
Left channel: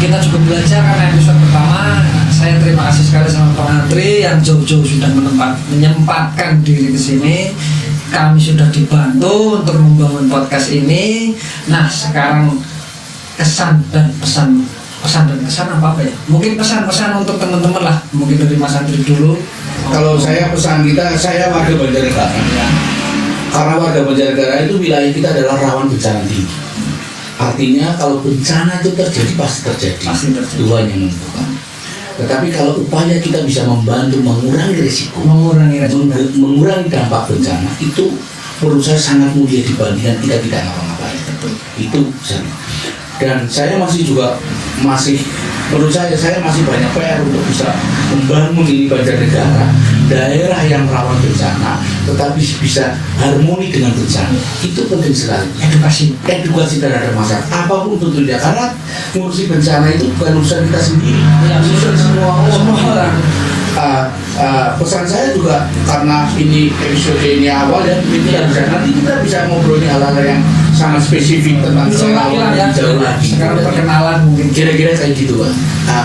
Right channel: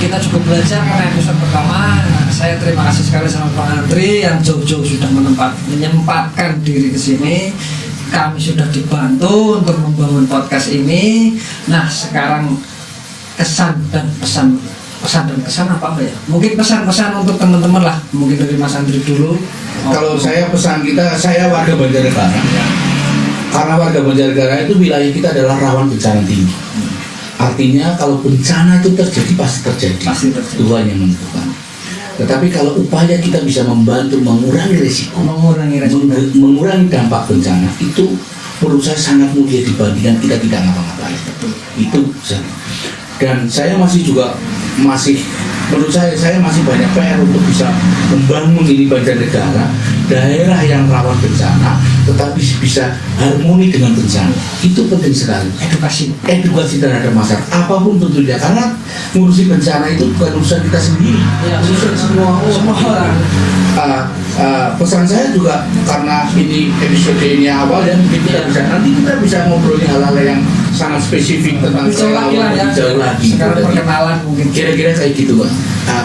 kita cukup belajar karena episode pertama. Saya terima kasih sekali sama Pak Andri yang jauh-jauh sudah menyempatkan diri ke sini. Kami sudah dibantu untuk membangun podcast ini. Nah sekarang kesan dan pesan dan kesan apa ya? Mungkin pesan-pesan untuk teman-teman lah. Mungkin dari Mas Andri dulu. Kalau saya pesan kita, saya warga Banjarnegara ya. Karena warga Banjarnegara itu wilayah kita adalah rawan bencana tinggi. Artinya kalau bencana itu terjadi pasti terjadi. Tuhan yang menentukan. Tetapi kalau upaya kita bisa membantu mengurangi risiko, mengurangi dampak bencana, itu menurut saya sangat mulia dibandingkan kita tidak ngapa-ngapain. Itu saya. Dan saya menurut saya masih banyak PR untuk bisa membangun ini Banjarnegara, daerah yang rawan bencana, tetapi bisa harmoni dengan bencana. Itu penting sekali. Edukasi terhadap masyarakat, apapun bentuknya. Karena ngurusi bencana itu bukan urusan kita sendiri, urusan semua orang. Pesan saya juga karena ini episode ini awal dan nanti kita bisa ngobrolin hal-hal yang sangat spesifik tentang relawan jauh lagi. Sekarang perkenalan mungkin Kira-kira kayak gitu lah.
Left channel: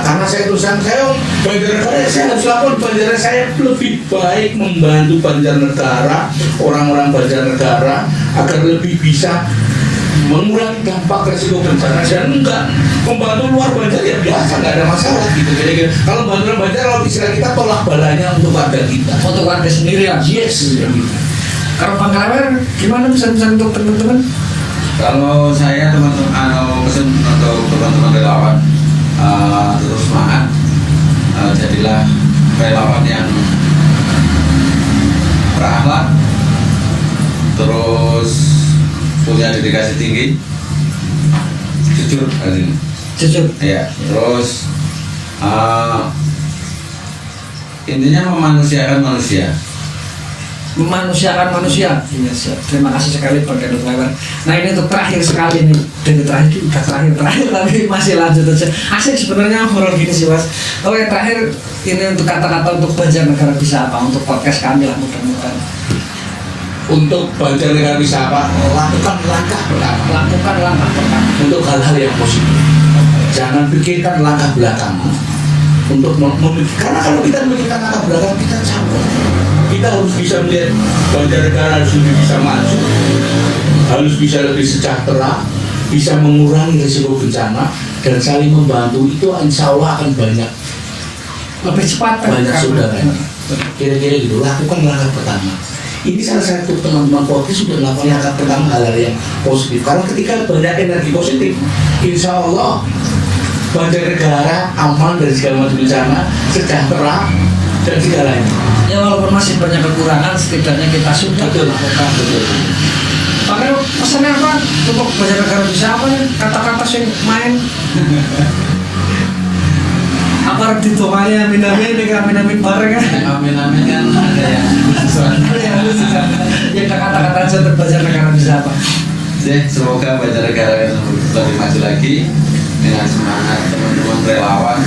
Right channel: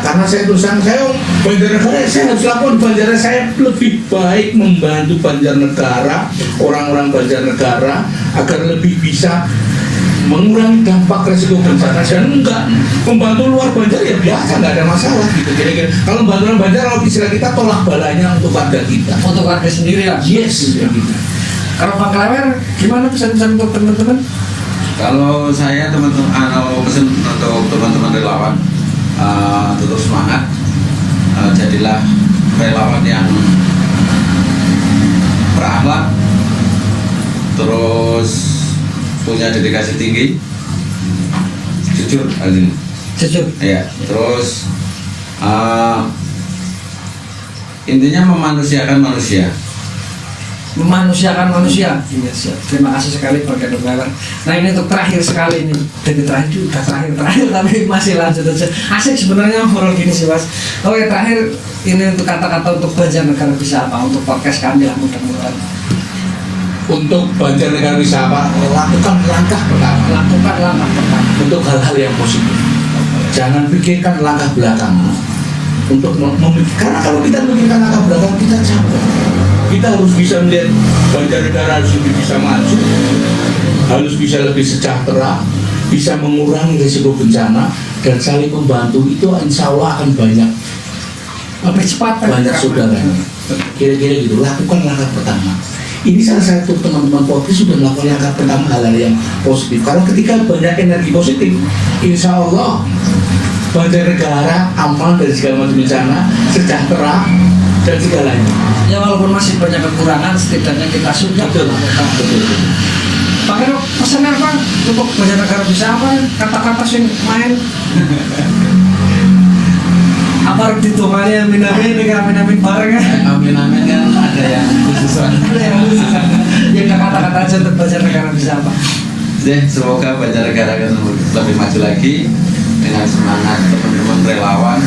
Karena saya tulisan saya Banjarnegara, saya harus lakukan Banjarnegara. Saya lebih baik membantu Banjarnegara, orang-orang Banjarnegara agar lebih bisa mengurangi dampak resiko bencana dan enggak membantu luar Banjar ya biasa, nggak ada masalah gitu kira-kira. Kalau bantuan Banjar, kalau istilah kita tolak balanya untuk warga kita, untuk warga sendiri lah. Yes, gitu. Kalau Pak Klewer, gimana pesan-pesan untuk teman-teman? Kalau saya teman-teman pesan untuk teman-teman relawan, tetap semangat, jadilah relawan yang berakhlak, terus punya dedikasi tinggi, jujur, ya, terus intinya memanusiakan manusia. Terima kasih sekali Pak Klewer. Nah ini untuk terakhir sekali nih, dari terakhir udah terakhir tapi masih lanjut aja. Asik sebenarnya ngobrol gini sih Mas. Oke, terakhir ini untuk kata-kata untuk Banjarnegara bisa apa untuk podcast kami lah mudah-mudahan. Untuk Banjarnegara bisa apa? Lakukan langkah pertama untuk hal-hal yang positif. Jangan pikirkan langkah belakang untuk karena kalau kita memikirkan langkah belakang kita capek. Kita harus bisa melihat Banjarnegara harus lebih bisa maju, harus bisa lebih sejahtera, bisa mengurangi risiko bencana dan saling membantu. Itu insya Allah akan lebih cepat banyak saudara. Kira-kira gitu. Lakukan langkah pertama. Ini salah satu teman-teman podcast sudah melakukan langkah pertama hal-hal yang positif. Kalau ketika banyak energi positif, insya Allah Banjarnegara aman dari segala macam bencana, sejahtera dan segalanya. Ya walaupun masih banyak kekurangan, setidaknya kita sudah melakukan. Pakai pesannya apa? Untuk Banjarnegara bisa apa? Kata-kata yang main. Apa ditomani amin bareng kan? Amin kan ada yang khusus. Ya kata-kata aja untuk Banjarnegara bisa apa? Ya, semoga Banjarnegara akan lebih maju lagi dengan semangat teman-teman relawan.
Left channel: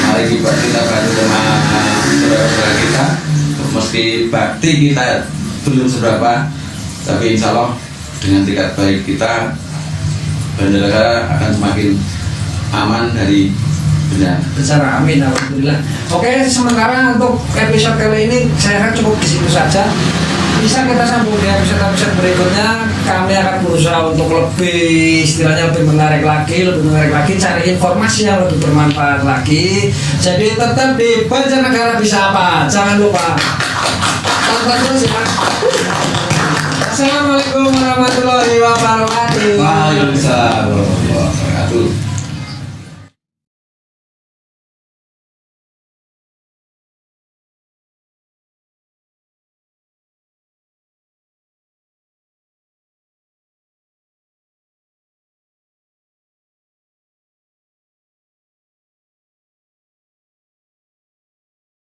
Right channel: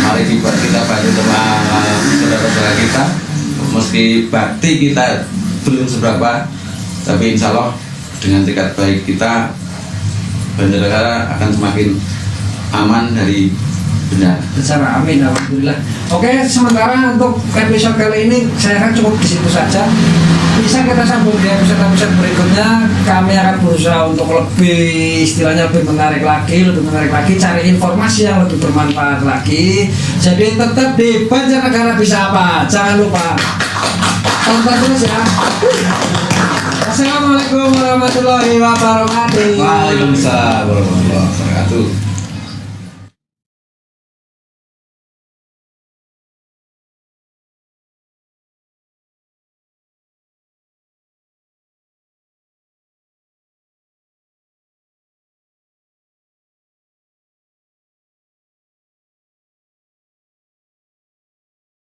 Mari kita bantu teman saudara-saudara kita. Meski bakti kita belum seberapa, tapi insya Allah dengan tingkat baik kita, Banjarnegara akan semakin aman dari Ya. Secara amin, alhamdulillah. Oke, sementara untuk episode kali ini saya akan cukup di situ saja. Bisa kita sambung di episode berikutnya. Kami akan berusaha untuk lebih istilahnya lebih menarik lagi, cari informasi yang lebih bermanfaat lagi. Jadi tetap di Banjarnegara Bisa Apa. Jangan lupa tonton terus ya. Assalamualaikum warahmatullahi wabarakatuh. Waalaikumsalam warahmatullahi wabarakatuh.